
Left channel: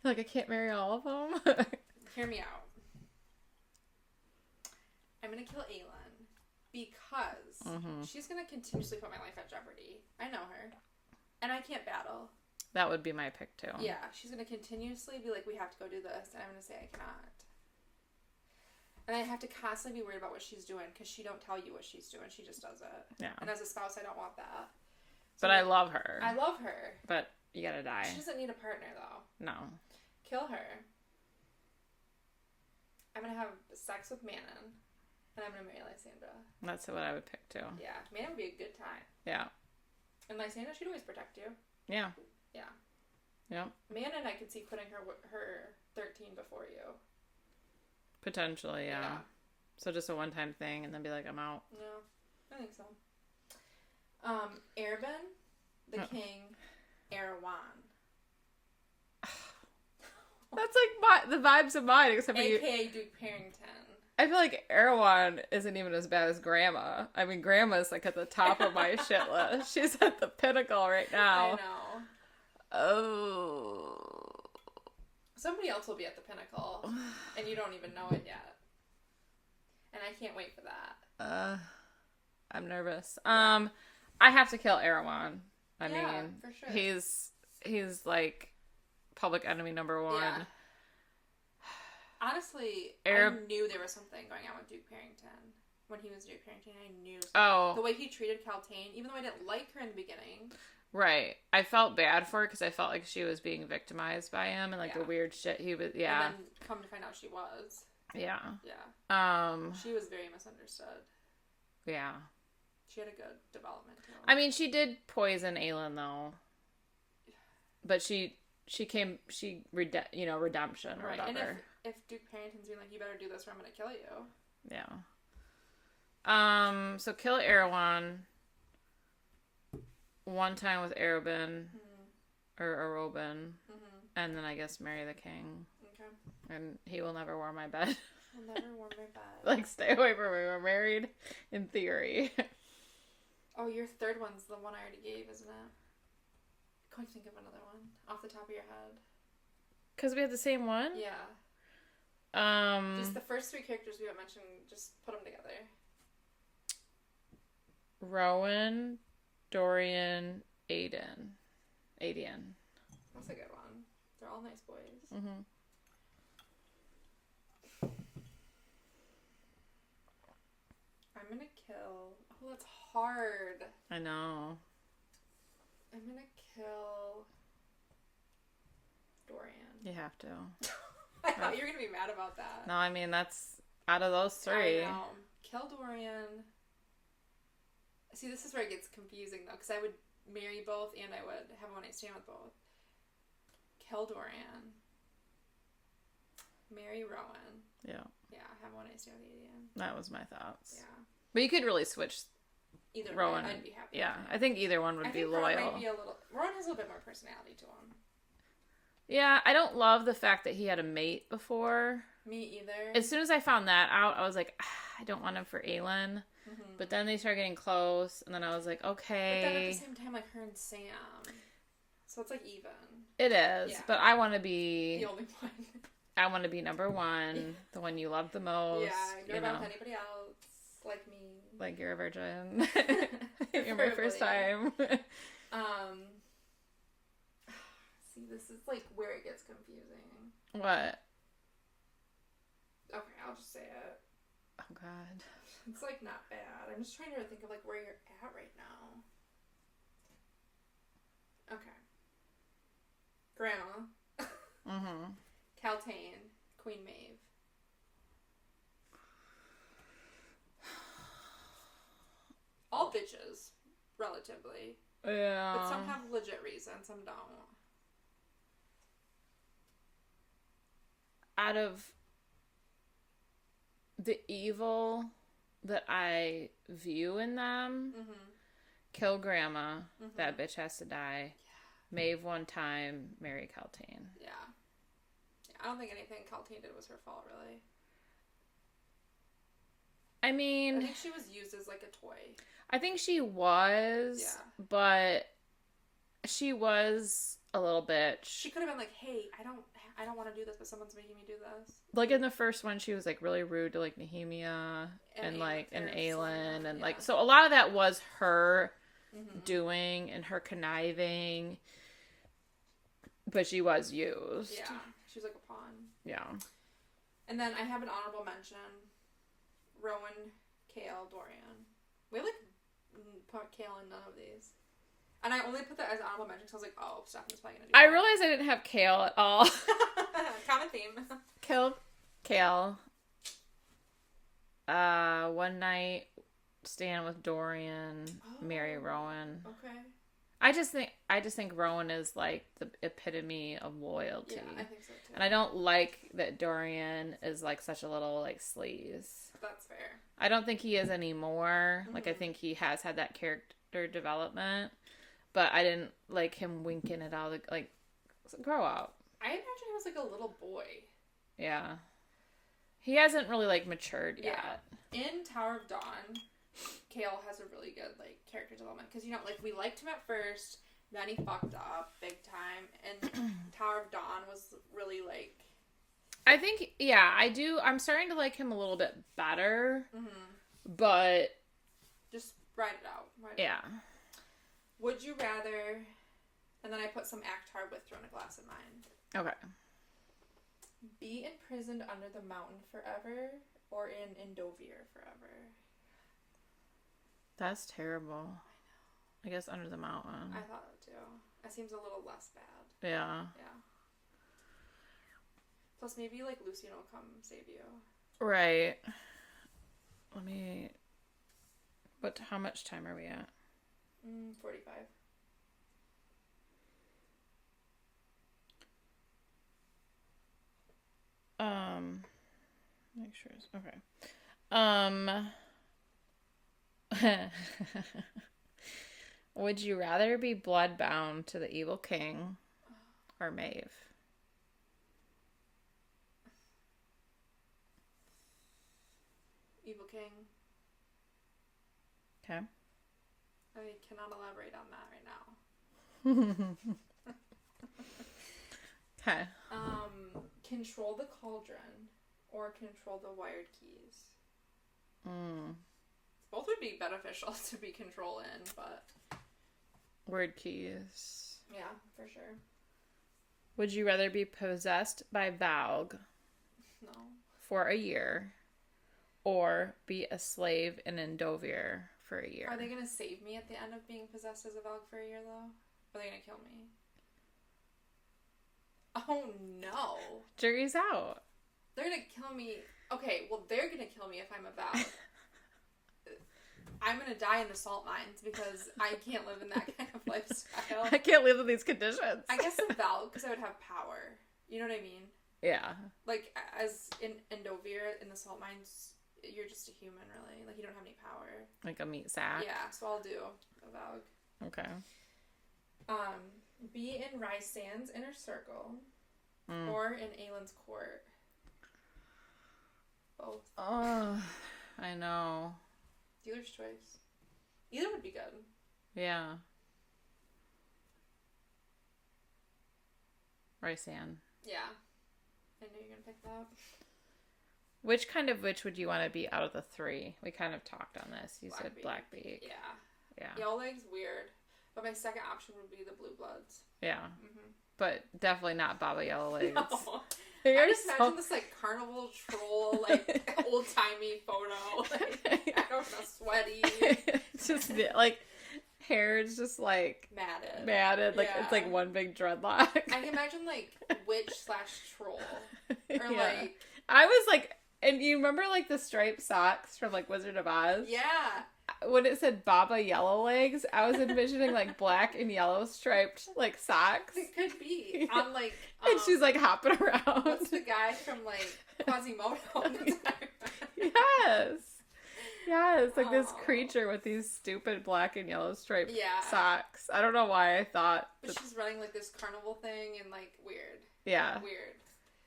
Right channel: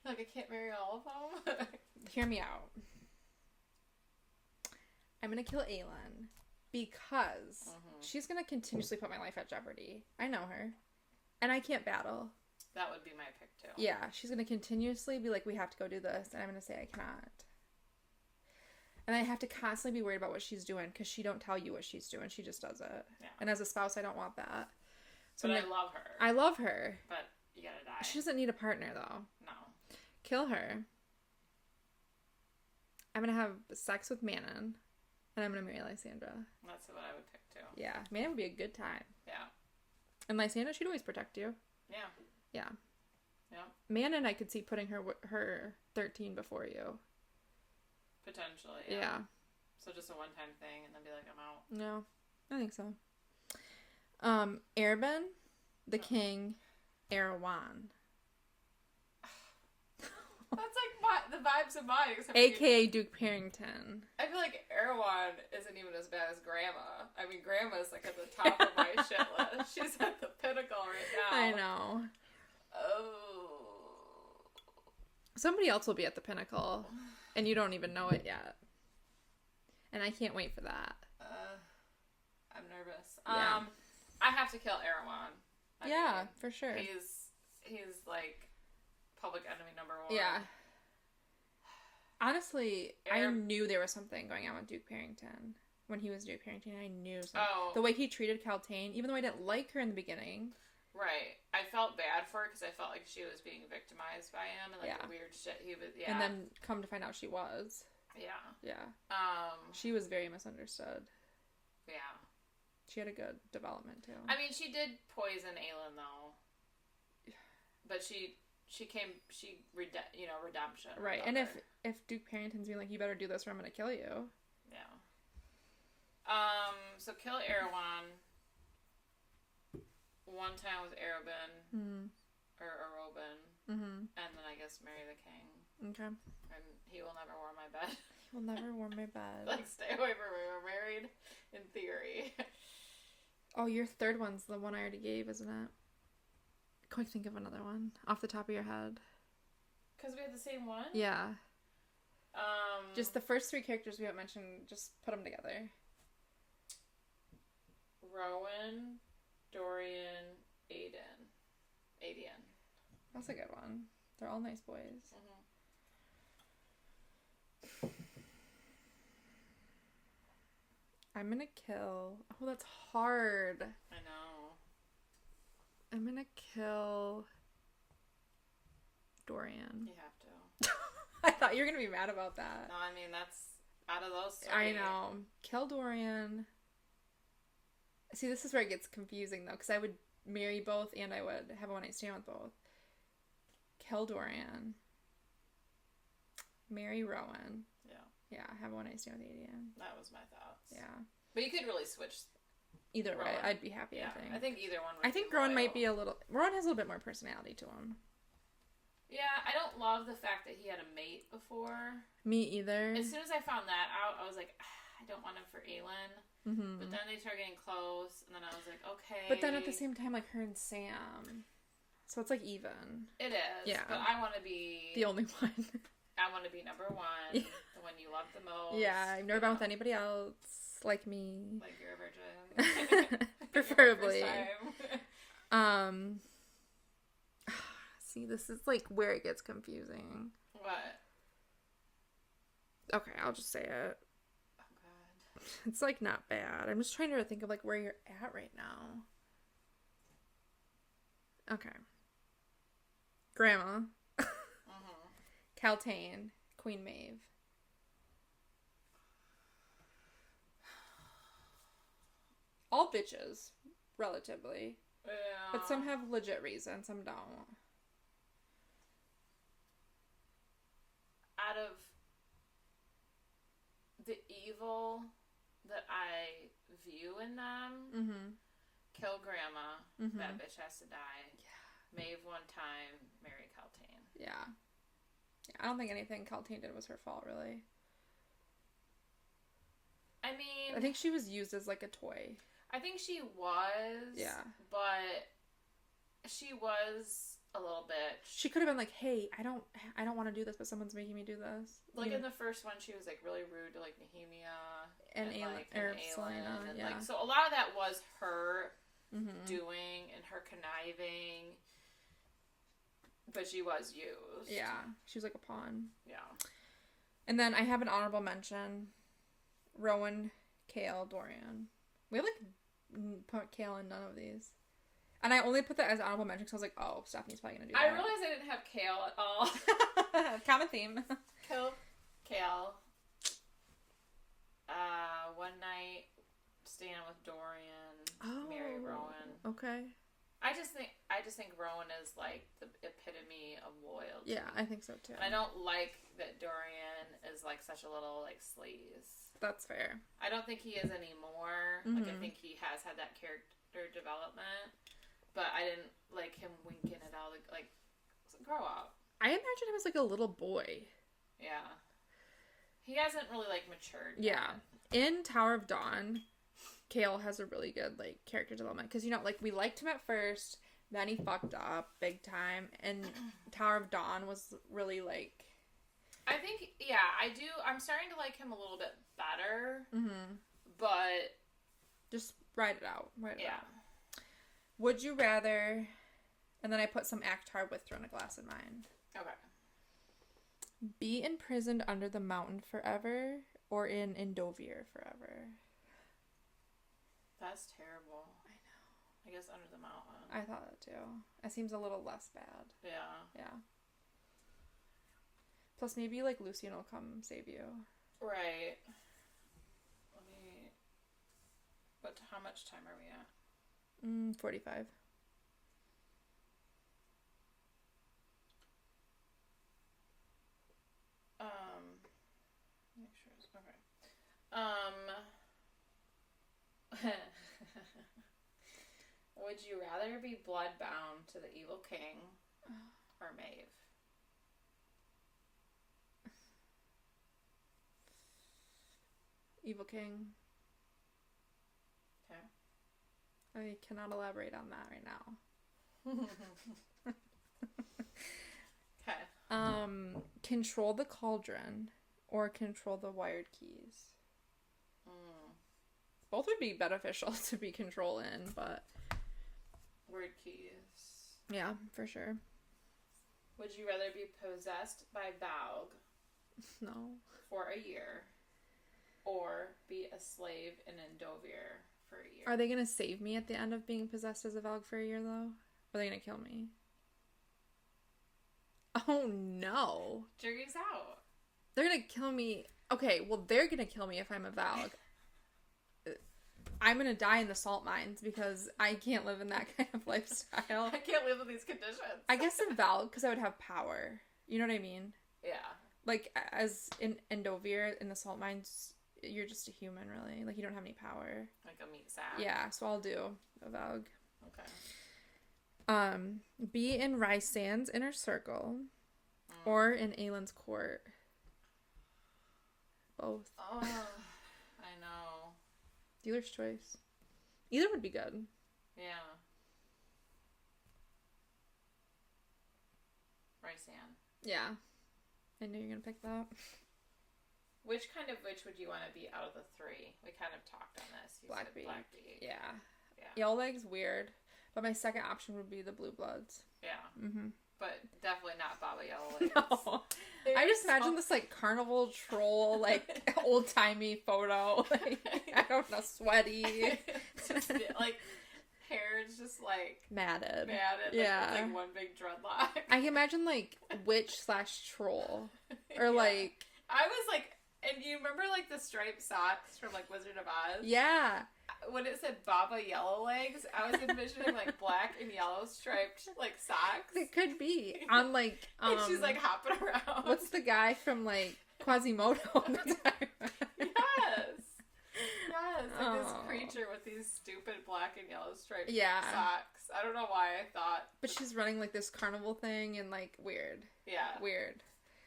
Like, I can't marry all of them? Hear me out. I'm gonna kill Aelin because she's gonna continuously put my life at jeopardy. I know her. And I can't battle. That would be my pick, too. Yeah, she's gonna continuously be like, we have to go do this, and I'm gonna say I cannot. And I have to constantly be worried about what she's doing, because she don't tell you what she's doing. She just does it. Yeah. And as a spouse, I don't want that. So but I love her. I love her. But you gotta die. She doesn't need a partner, though. No. Kill her. I'm gonna have sex with Manon, and I'm gonna marry Lysandra. That's what I would pick, too. Yeah. Manon would be a good time. Yeah. And Lysandra, she'd always protect you. Yeah. Yeah. Yep. Manon, I could see putting her 13 before you. Potentially, yeah. So just a one-time thing and then be like, I'm out. No, I think so. Erben, the king, Erewhon. That's like the vibes of mine, except for AKA Duke Parrington. I feel like Erewhon isn't even as bad as Grandma. I mean, Grandma's like at the top of my shit list. She's at the pinnacle right now. I know. Oh. Somebody else will be at the pinnacle, and you don't even know it yet. And I can't wait for that. I'm nervous. Yeah. I have to kill Erewhon. I mean, for sure. He's like public enemy number one. Yeah. Honestly, I knew there was something going on with Duke Parrington. When he was Duke Parrington, I knew something. Oh. The way he treated Kaltane, even though I didn't like her in the beginning. Right. I felt bad for her because I felt like she was being victimized by him and like the weird shit he was, And then come to find out she was. Yeah. Yeah. She was very misunderstood. Yeah. She had a good development too. I mean, she did poison Aelin though. But redemption. Right. And if Duke Parrington's being like, you better do this or I'm going to kill you. Yeah. So kill Erewhon. One time with Ereben. Or Arobin. And then I guess marry the king. Okay. And he will never warm my bed. Will never warm my bed. Like, stay away from me. We're married in theory. Oh, your third one's the one I already gave, isn't it? Quick, think of another one off the top of your head. Because we had the same one? Yeah. Just the first three characters we haven't mentioned, just put them together. Rowan, Dorian, Aiden. That's a good one. They're all nice boys. I'm gonna kill... Oh, that's hard. I know. I'm gonna kill... Dorian. You have to. I thought you were gonna be mad about that. No, I mean, that's out of those three. I know. Kill Dorian. See, this is where it gets confusing, though, because I would marry both and I would have a one-night stand with both. Kill Dorian. Marry Rowan. Yeah. Yeah, have a one-night stand with Adian. That was my thoughts. Yeah. But you could really switch either Rowan. way. I'd be happy. Yeah, I think either one would be loyal. I think Rowan might be a little... Rowan has a little bit more personality to him. Yeah, I don't love the fact that he had a mate before. Me either. As soon as I found that out, I was like, I don't want him for Aelin. But then they started getting close, and then I was like, okay. But then at the same time, like her and Sam. So it's like even. It is. Yeah. But I want to be... The only one. I want to be number one. The one you love the most. Yeah, I'm never with anybody else like me. Like you're a virgin. Preferably. Your first time. See, this is like where it gets confusing. What? Okay, I'll just say it. Oh God. It's like not bad. I'm just trying to think of like where you're at right now. Okay. Grandma. Kaltane. Queen Maeve. All bitches, relatively. Yeah. But some have legit reasons, some don't. Out of the evil that I view in them, kill Grandma. That bitch has to die. Yeah. Maeve one time, marry Kaltane. Yeah. I don't think anything Kaltane did was her fault, really. I mean... I think she was used as, like, a toy. I think she was. Yeah. But she was a little bitch. She could have been like, hey, I don't want to do this, but someone's making me do this. Like, in the first one, she was, like, really rude to, like, Nehemia and Aelin. And, like, so a lot of that was her doing and her conniving. But she was used. Yeah. She was like a pawn. Yeah. And then I have an honorable mention. Rowan, Kale, Dorian. We have, like, put Kale in none of these. And I only put that as honorable mention because I was like, oh, Stephanie's probably going to do that. I realized I didn't have Kale at all. Common theme. Kill Kale. One night stand with Dorian. Marry Rowan. Okay. I just think Rowan is like the epitome of loyalty. Yeah, I think so too. And I don't like that Dorian is like such a little like sleaze. That's fair. I don't think he is anymore. Mm-hmm. Like I think he has had that character development, but I didn't like him winking at all. Like grow up. I imagine he was like a little boy. Yeah. He hasn't really like matured yet. Yeah. In Tower of Dawn, Kale has a really good like character development because like we liked him at first, then he fucked up big time, and Tower of Dawn was really like. I think I do. I'm starting to like him a little bit better, but just write it out. Would you rather? And then I put some Akhtar with Throne of Glass in mind. Okay. Be imprisoned under the mountain forever, or in Endovir forever. That's terrible. I know. I guess under the mountain. I thought that too. That seems a little less bad. Yeah. Yeah. Plus, maybe like Lucian will come save you. Right. How much time are we at? 45. Make sure it's okay. Would you rather be bloodbound to the evil king or Maeve? Evil king. Okay. I cannot elaborate on that right now. Okay. Control the cauldron or control the wired keys. Both would be beneficial to be control in, but Word keys. yeah, for sure. Would you rather be possessed by Valg No. for a year or be a slave in Endovir for a year? Are they gonna save me at the end of being possessed as a Valg for a year though? Or are they gonna kill me? Oh no. Jury's out. They're gonna kill me. Okay, well they're gonna kill me if I'm a Valg. I'm gonna die in the salt mines because I can't live in that kind of lifestyle. I can't live in these conditions. I guess a Valg because I would have power. You know what I mean? Yeah. Like as in Endovir in the salt mines, you're just a human really. Like you don't have any power. Like a meat sack. Yeah, so I'll do a Valg. Okay. Be in Rysand's inner circle or in Aelin's court. Both. Oh, I know. Dealer's choice. Either would be good. Yeah. Rysand. Yeah. I knew you were going to pick that. Which kind of witch would you want to be out of the three? We kind of talked on this. You said Blackbeak. Yeah. Yeah. Yellow Leg's weird. But my second option would be the Blue Bloods. Yeah. Mm-hmm. But definitely not Baba Yellow Legs. No. I just imagine this like carnival troll, like old timey photo. Like, I don't know, sweaty. Just like hair is just like matted. Like it's like one big dreadlock. I can imagine like witch/troll. Or yeah. like I was like, and you remember like the striped socks from like Wizard of Oz? Yeah. When it said Baba Yellow Legs, I was envisioning like black and yellow striped like socks. It could be on like and she's like hopping around. What's the guy from like Quasimodo? Yes, like this creature with these stupid black and yellow striped socks. I don't know why I thought, but she's running like this carnival thing and like weird. Yeah, weird.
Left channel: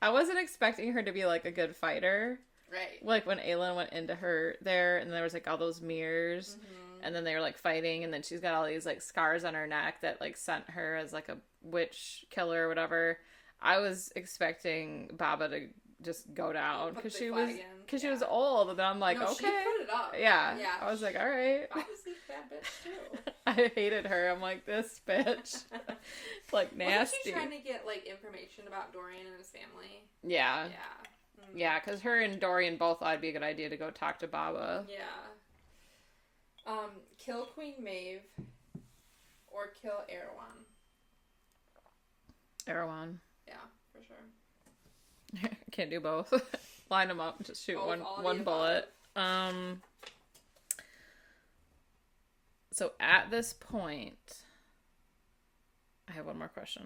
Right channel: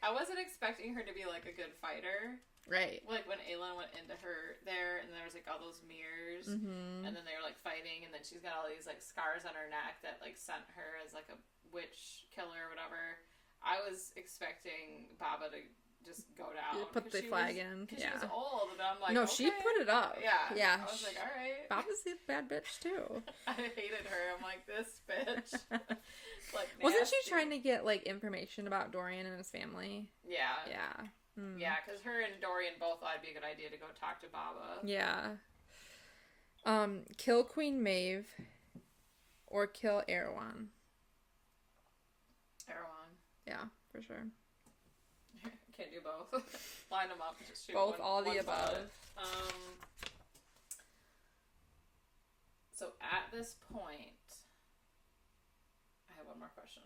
I wasn't expecting her to be like a good fighter. Right. Like when Aelin went into her there and there was like all those mirrors and then they were like fighting and then she's got all these like scars on her neck that like sent her as like a witch killer or whatever. I was expecting Baba to just go down because she was old, and then I'm like, no, okay. She put it up. Yeah. I was like, all right. Baba's a bad bitch too. I hated her. I'm like, this bitch. Like nasty. Wasn't she trying to get like information about Dorian and his family? Yeah. Yeah, because her and Dorian both thought it'd be a good idea to go talk to Baba. Yeah. Kill Queen Maeve or kill Erewhon. Erewhon. Yeah, for sure. Can't do both. Line them up and just shoot both, one bullet. So at this point, I have one more question.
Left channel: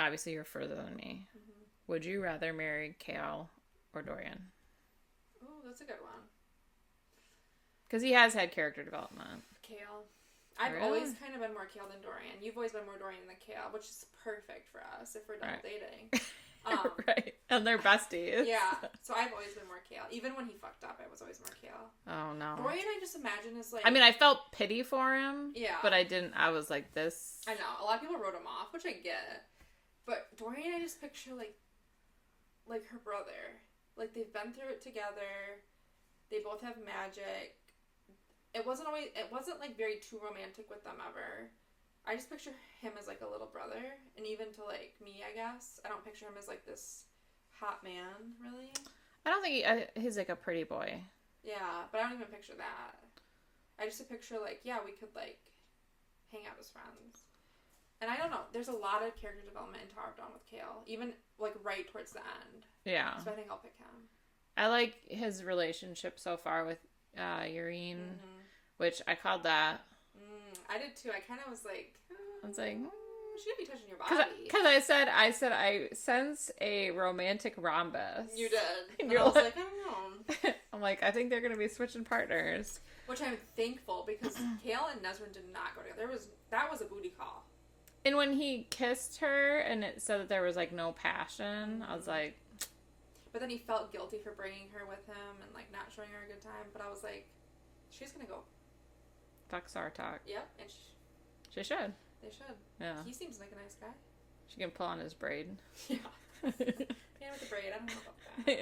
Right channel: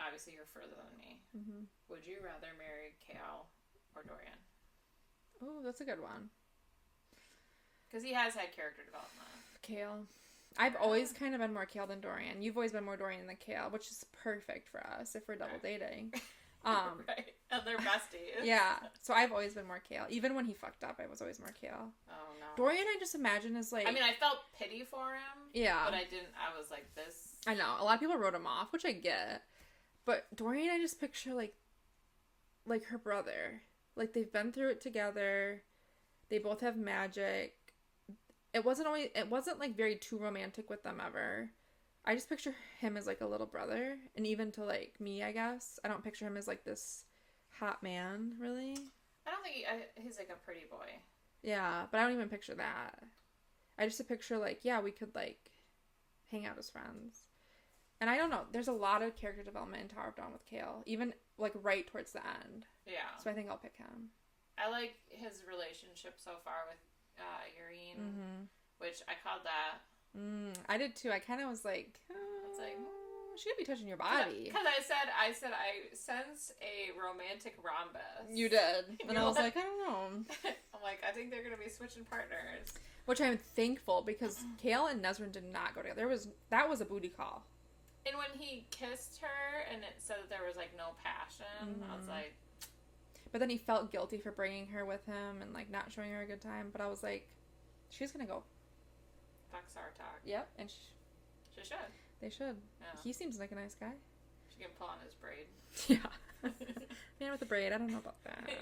Obviously, you're further than me. Mm-hmm. Would you rather marry Kale or Dorian? Oh, that's a good one. Because he has had character development. Kale. I've always kind of been more Kale than Dorian. You've always been more Dorian than Kale, which is perfect for us if we're double dating. Right. And they're besties. Yeah. So I've always been more Kale. Even when he fucked up, I was always more Kale. Oh, no. Dorian, I just imagine is like... I mean, I felt pity for him. Yeah. But I was like, this... I know. A lot of people wrote him off, which I get. But Dorian, I just picture like her brother. Like, they've been through it together. They both have magic. It wasn't like very too romantic with them ever. I just picture him as like a little brother, and even to like me, I guess I don't picture him as like this hot man, really. I don't think he's like a pretty boy. Yeah, but I don't even picture that. I just picture like, yeah, we could like hang out as friends. And I don't know, there's a lot of character development in Tower of Dawn with Kale, even like right towards the end. Yeah. So I think I'll pick him. I like his relationship so far with Urine, which I called that. I did too. I kind of was like, I was like, she shouldn't be touching your body. Because I said I sense a romantic rhombus. You did. And I was like, I don't know. I'm like, I think they're going to be switching partners. Which I'm thankful, because Kale and Nesrin did not go together. That was a booty call. And when he kissed her and it said that there was like no passion, I was like... But then he felt guilty for bringing her with him and like not showing her a good time. But I was like, she's going to go. Fuck Sartok. Yep. And she should. They should. Yeah. He seems like a nice guy. She can pull on his braid. Yeah. Man with the braid. I don't know about that.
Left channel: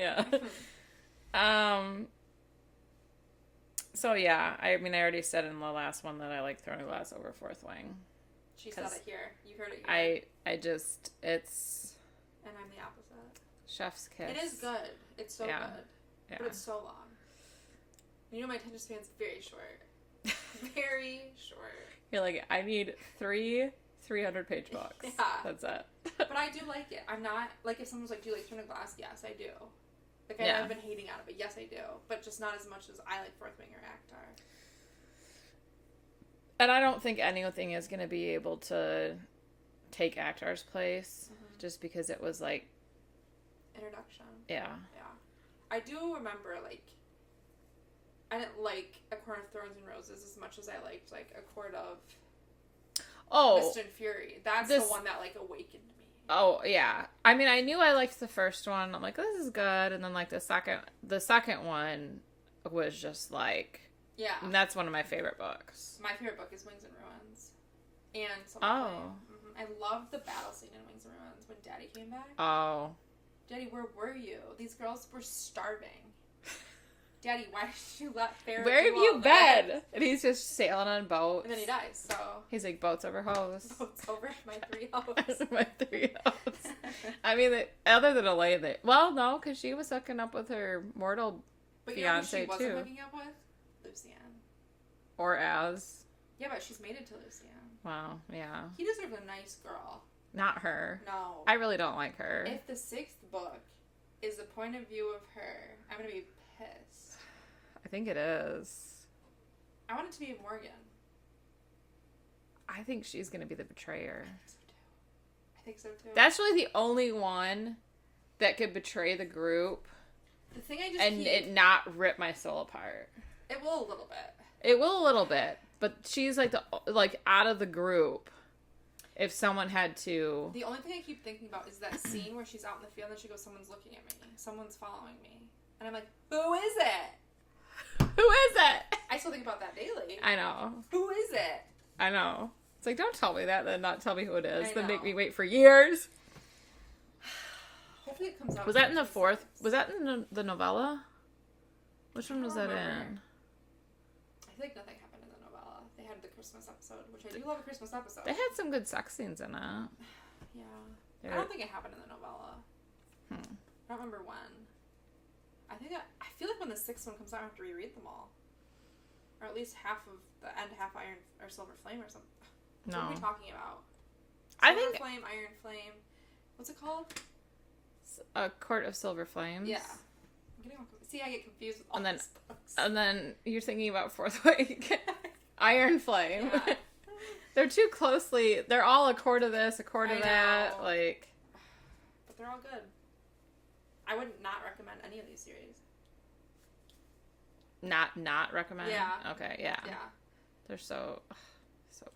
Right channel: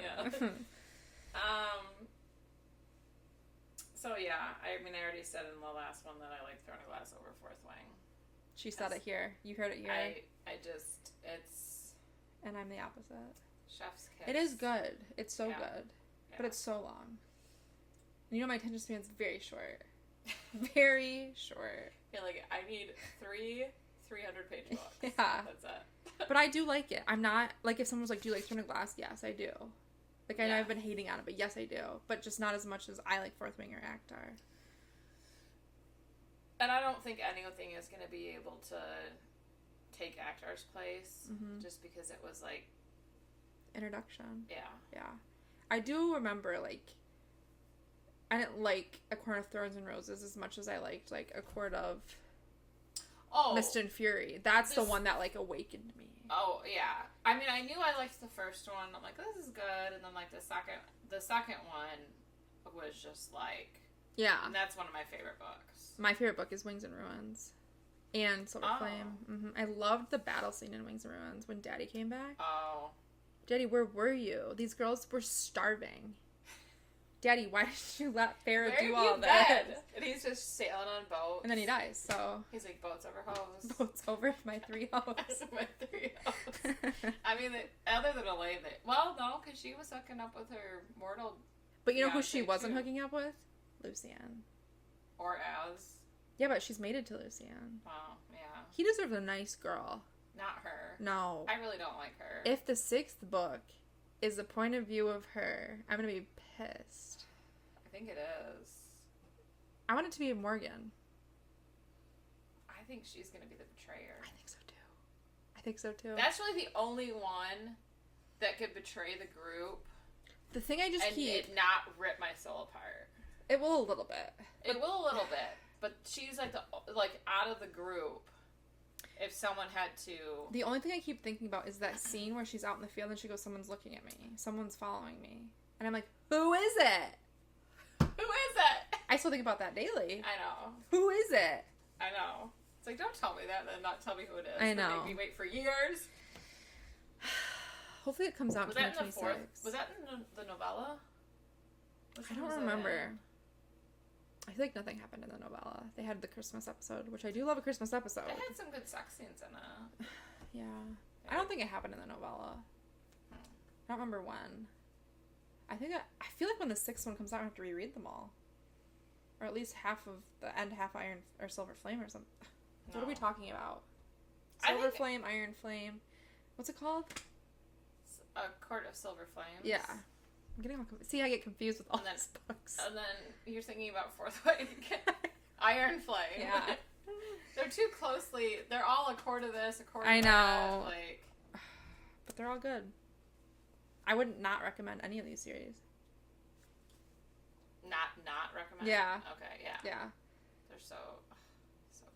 Yeah. So yeah, I mean, I already said in the last one that I like throwing a glass over Fourth Wing. She said it here. You heard it here. It's... And I'm the opposite. Chef's kiss. It is good. It's so good. Yeah. But it's so long. You know, my attention span's very short. Very short. You're like, I need 300-page books. Yeah. That's it. But I do like it. I'm not... Like, if someone was like, do you like Throne of Glass? Yes, I do. Like, I know I've been hating on it, but yes, I do. But just not as much as I like Fourth Wing or Actar. And I don't think anything is going to be able to take Actar's place. Just because it was, like... Introduction. Yeah. Yeah. I do remember, like... I didn't like A Court of Thorns and Roses as much as I liked, like, A Court of... Mist and Fury. That's the one that, like, awakened me. Oh, yeah. I mean, I knew I liked the first one. I'm like, this is good. And then, like, the second one was just, like... Yeah. And that's one of my favorite books. My favorite book is Wings and Ruins. And Silver Flame. I loved the battle scene in Wings and Ruins when Daddy came back. Oh. Daddy, where were you? These girls were starving. Daddy, why did you let Farrah Where have you been? And he's just sailing on boats. And then he dies, so... He's like, boats over hoes. Boats over my 3 hoes. My 3 hoes. I mean, other than Elaine, well, no, because she was hooking up with her mortal But you know who she wasn't hooking up with? Lucienne. Or Az. Yeah, but she's mated to Lucienne. Wow, yeah. He deserves a nice girl. Not her. No. I really don't like her. If the 6th book is the point of view of her, I'm going to be pissed. I think it is. I want it to be Morgan. I think she's going to be the betrayer. I think so too. That's really the only one that could betray the group. The thing I just it not rip my soul apart. It will a little bit. It will a little bit, but she's like out of the group. If someone had to... The only thing I keep thinking about is that scene where she's out in the field and she goes, someone's looking at me. Someone's following me. And I'm like, who is it? Who is it? I still think about that daily. I know. Who is it? I know. It's like, don't tell me that, then not tell me who it is. I know. Then make me wait for years. Hopefully it comes out. Was that in the 4th? Was that in the novella? Which one was that in? I feel like nothing happened in the novella. They had the Christmas episode, which I do love a Christmas episode. They had some good sex scenes in it. Yeah. I don't think it happened in the novella. I don't remember when. I feel like when the 6th one comes out, I have to reread them all. Or at least half of the end, half Iron or Silver Flame or something. No. What are we talking about? Silver Flame, Iron Flame. What's it called? A Court of Silver Flames. Yeah. I'm getting all confused. See, I get confused with all these books. And then you're thinking about Fourth Wing. Iron Flame. Yeah. They're too closely. They're all a quarter this, a quarter that. Like, but they're all good. I would not recommend any of these series. Not recommend? Yeah. Okay, yeah. Yeah. They're so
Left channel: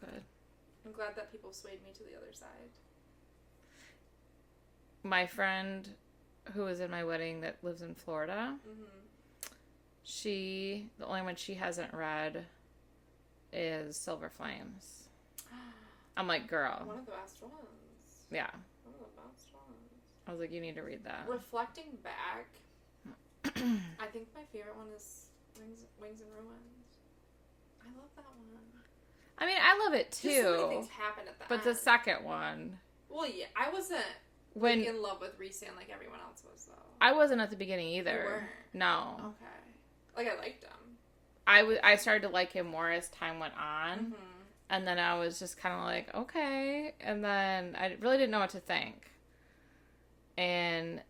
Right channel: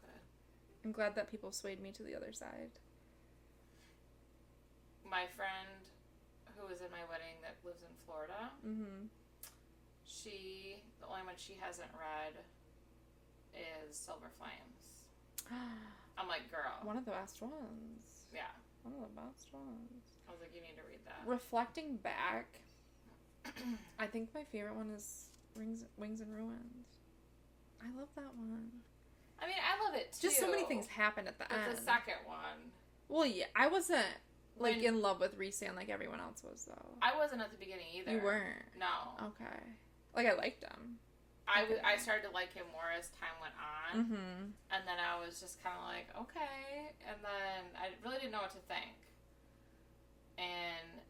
good. I'm glad that people swayed me to the other side. My friend who was in my wedding that lives in Florida, the only one she hasn't read is Silver Flames. I'm like, girl. One of the best ones. Yeah. One of the best ones. I was like, you need to read that. Reflecting back, I think my favorite one is Wings and Ruins. I love that one. I mean, I love it too. Just so many things happen at the end. But the second one. Well, yeah, I wasn't in love with Rhysand like everyone else was, though. I wasn't at the beginning either. You weren't? No. Okay. Like, I liked him. I started to like him more as time went on. Mm-hmm. And then I was just kind of like, okay. And then I really didn't know what to think. And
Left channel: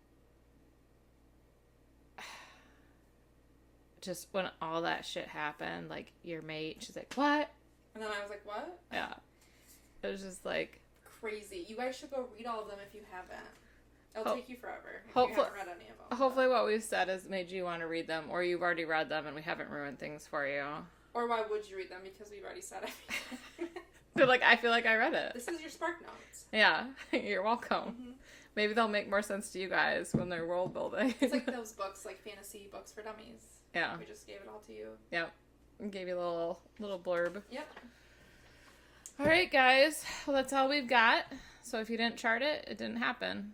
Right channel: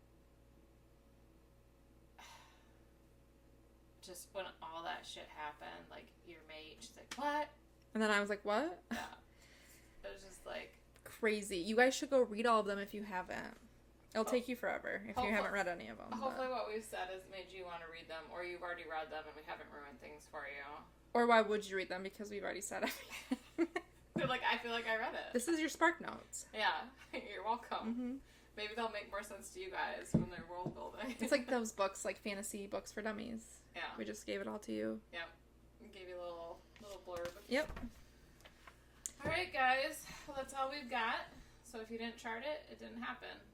just when all that shit happened, like, your mate, she's like, what? And then I was like, what? Yeah. It was just like... Crazy. You guys should go read all of them if you haven't. It'll take you forever if you haven't read any of them. Hopefully what we've said has made you want to read them, or you've already read them and we haven't ruined things for you. Or why would you read them? Because we've already said it. But like, I feel like I read it. This is your Spark Notes. Yeah. You're welcome. Mm-hmm. Maybe they'll make more sense to you guys when they're world building. It's like those books, like fantasy books for dummies. Yeah. We just gave it all to you. Yep. Gave you a little blurb. Yep. All right, guys. Well, that's all we've got. So if you didn't chart it, it didn't happen.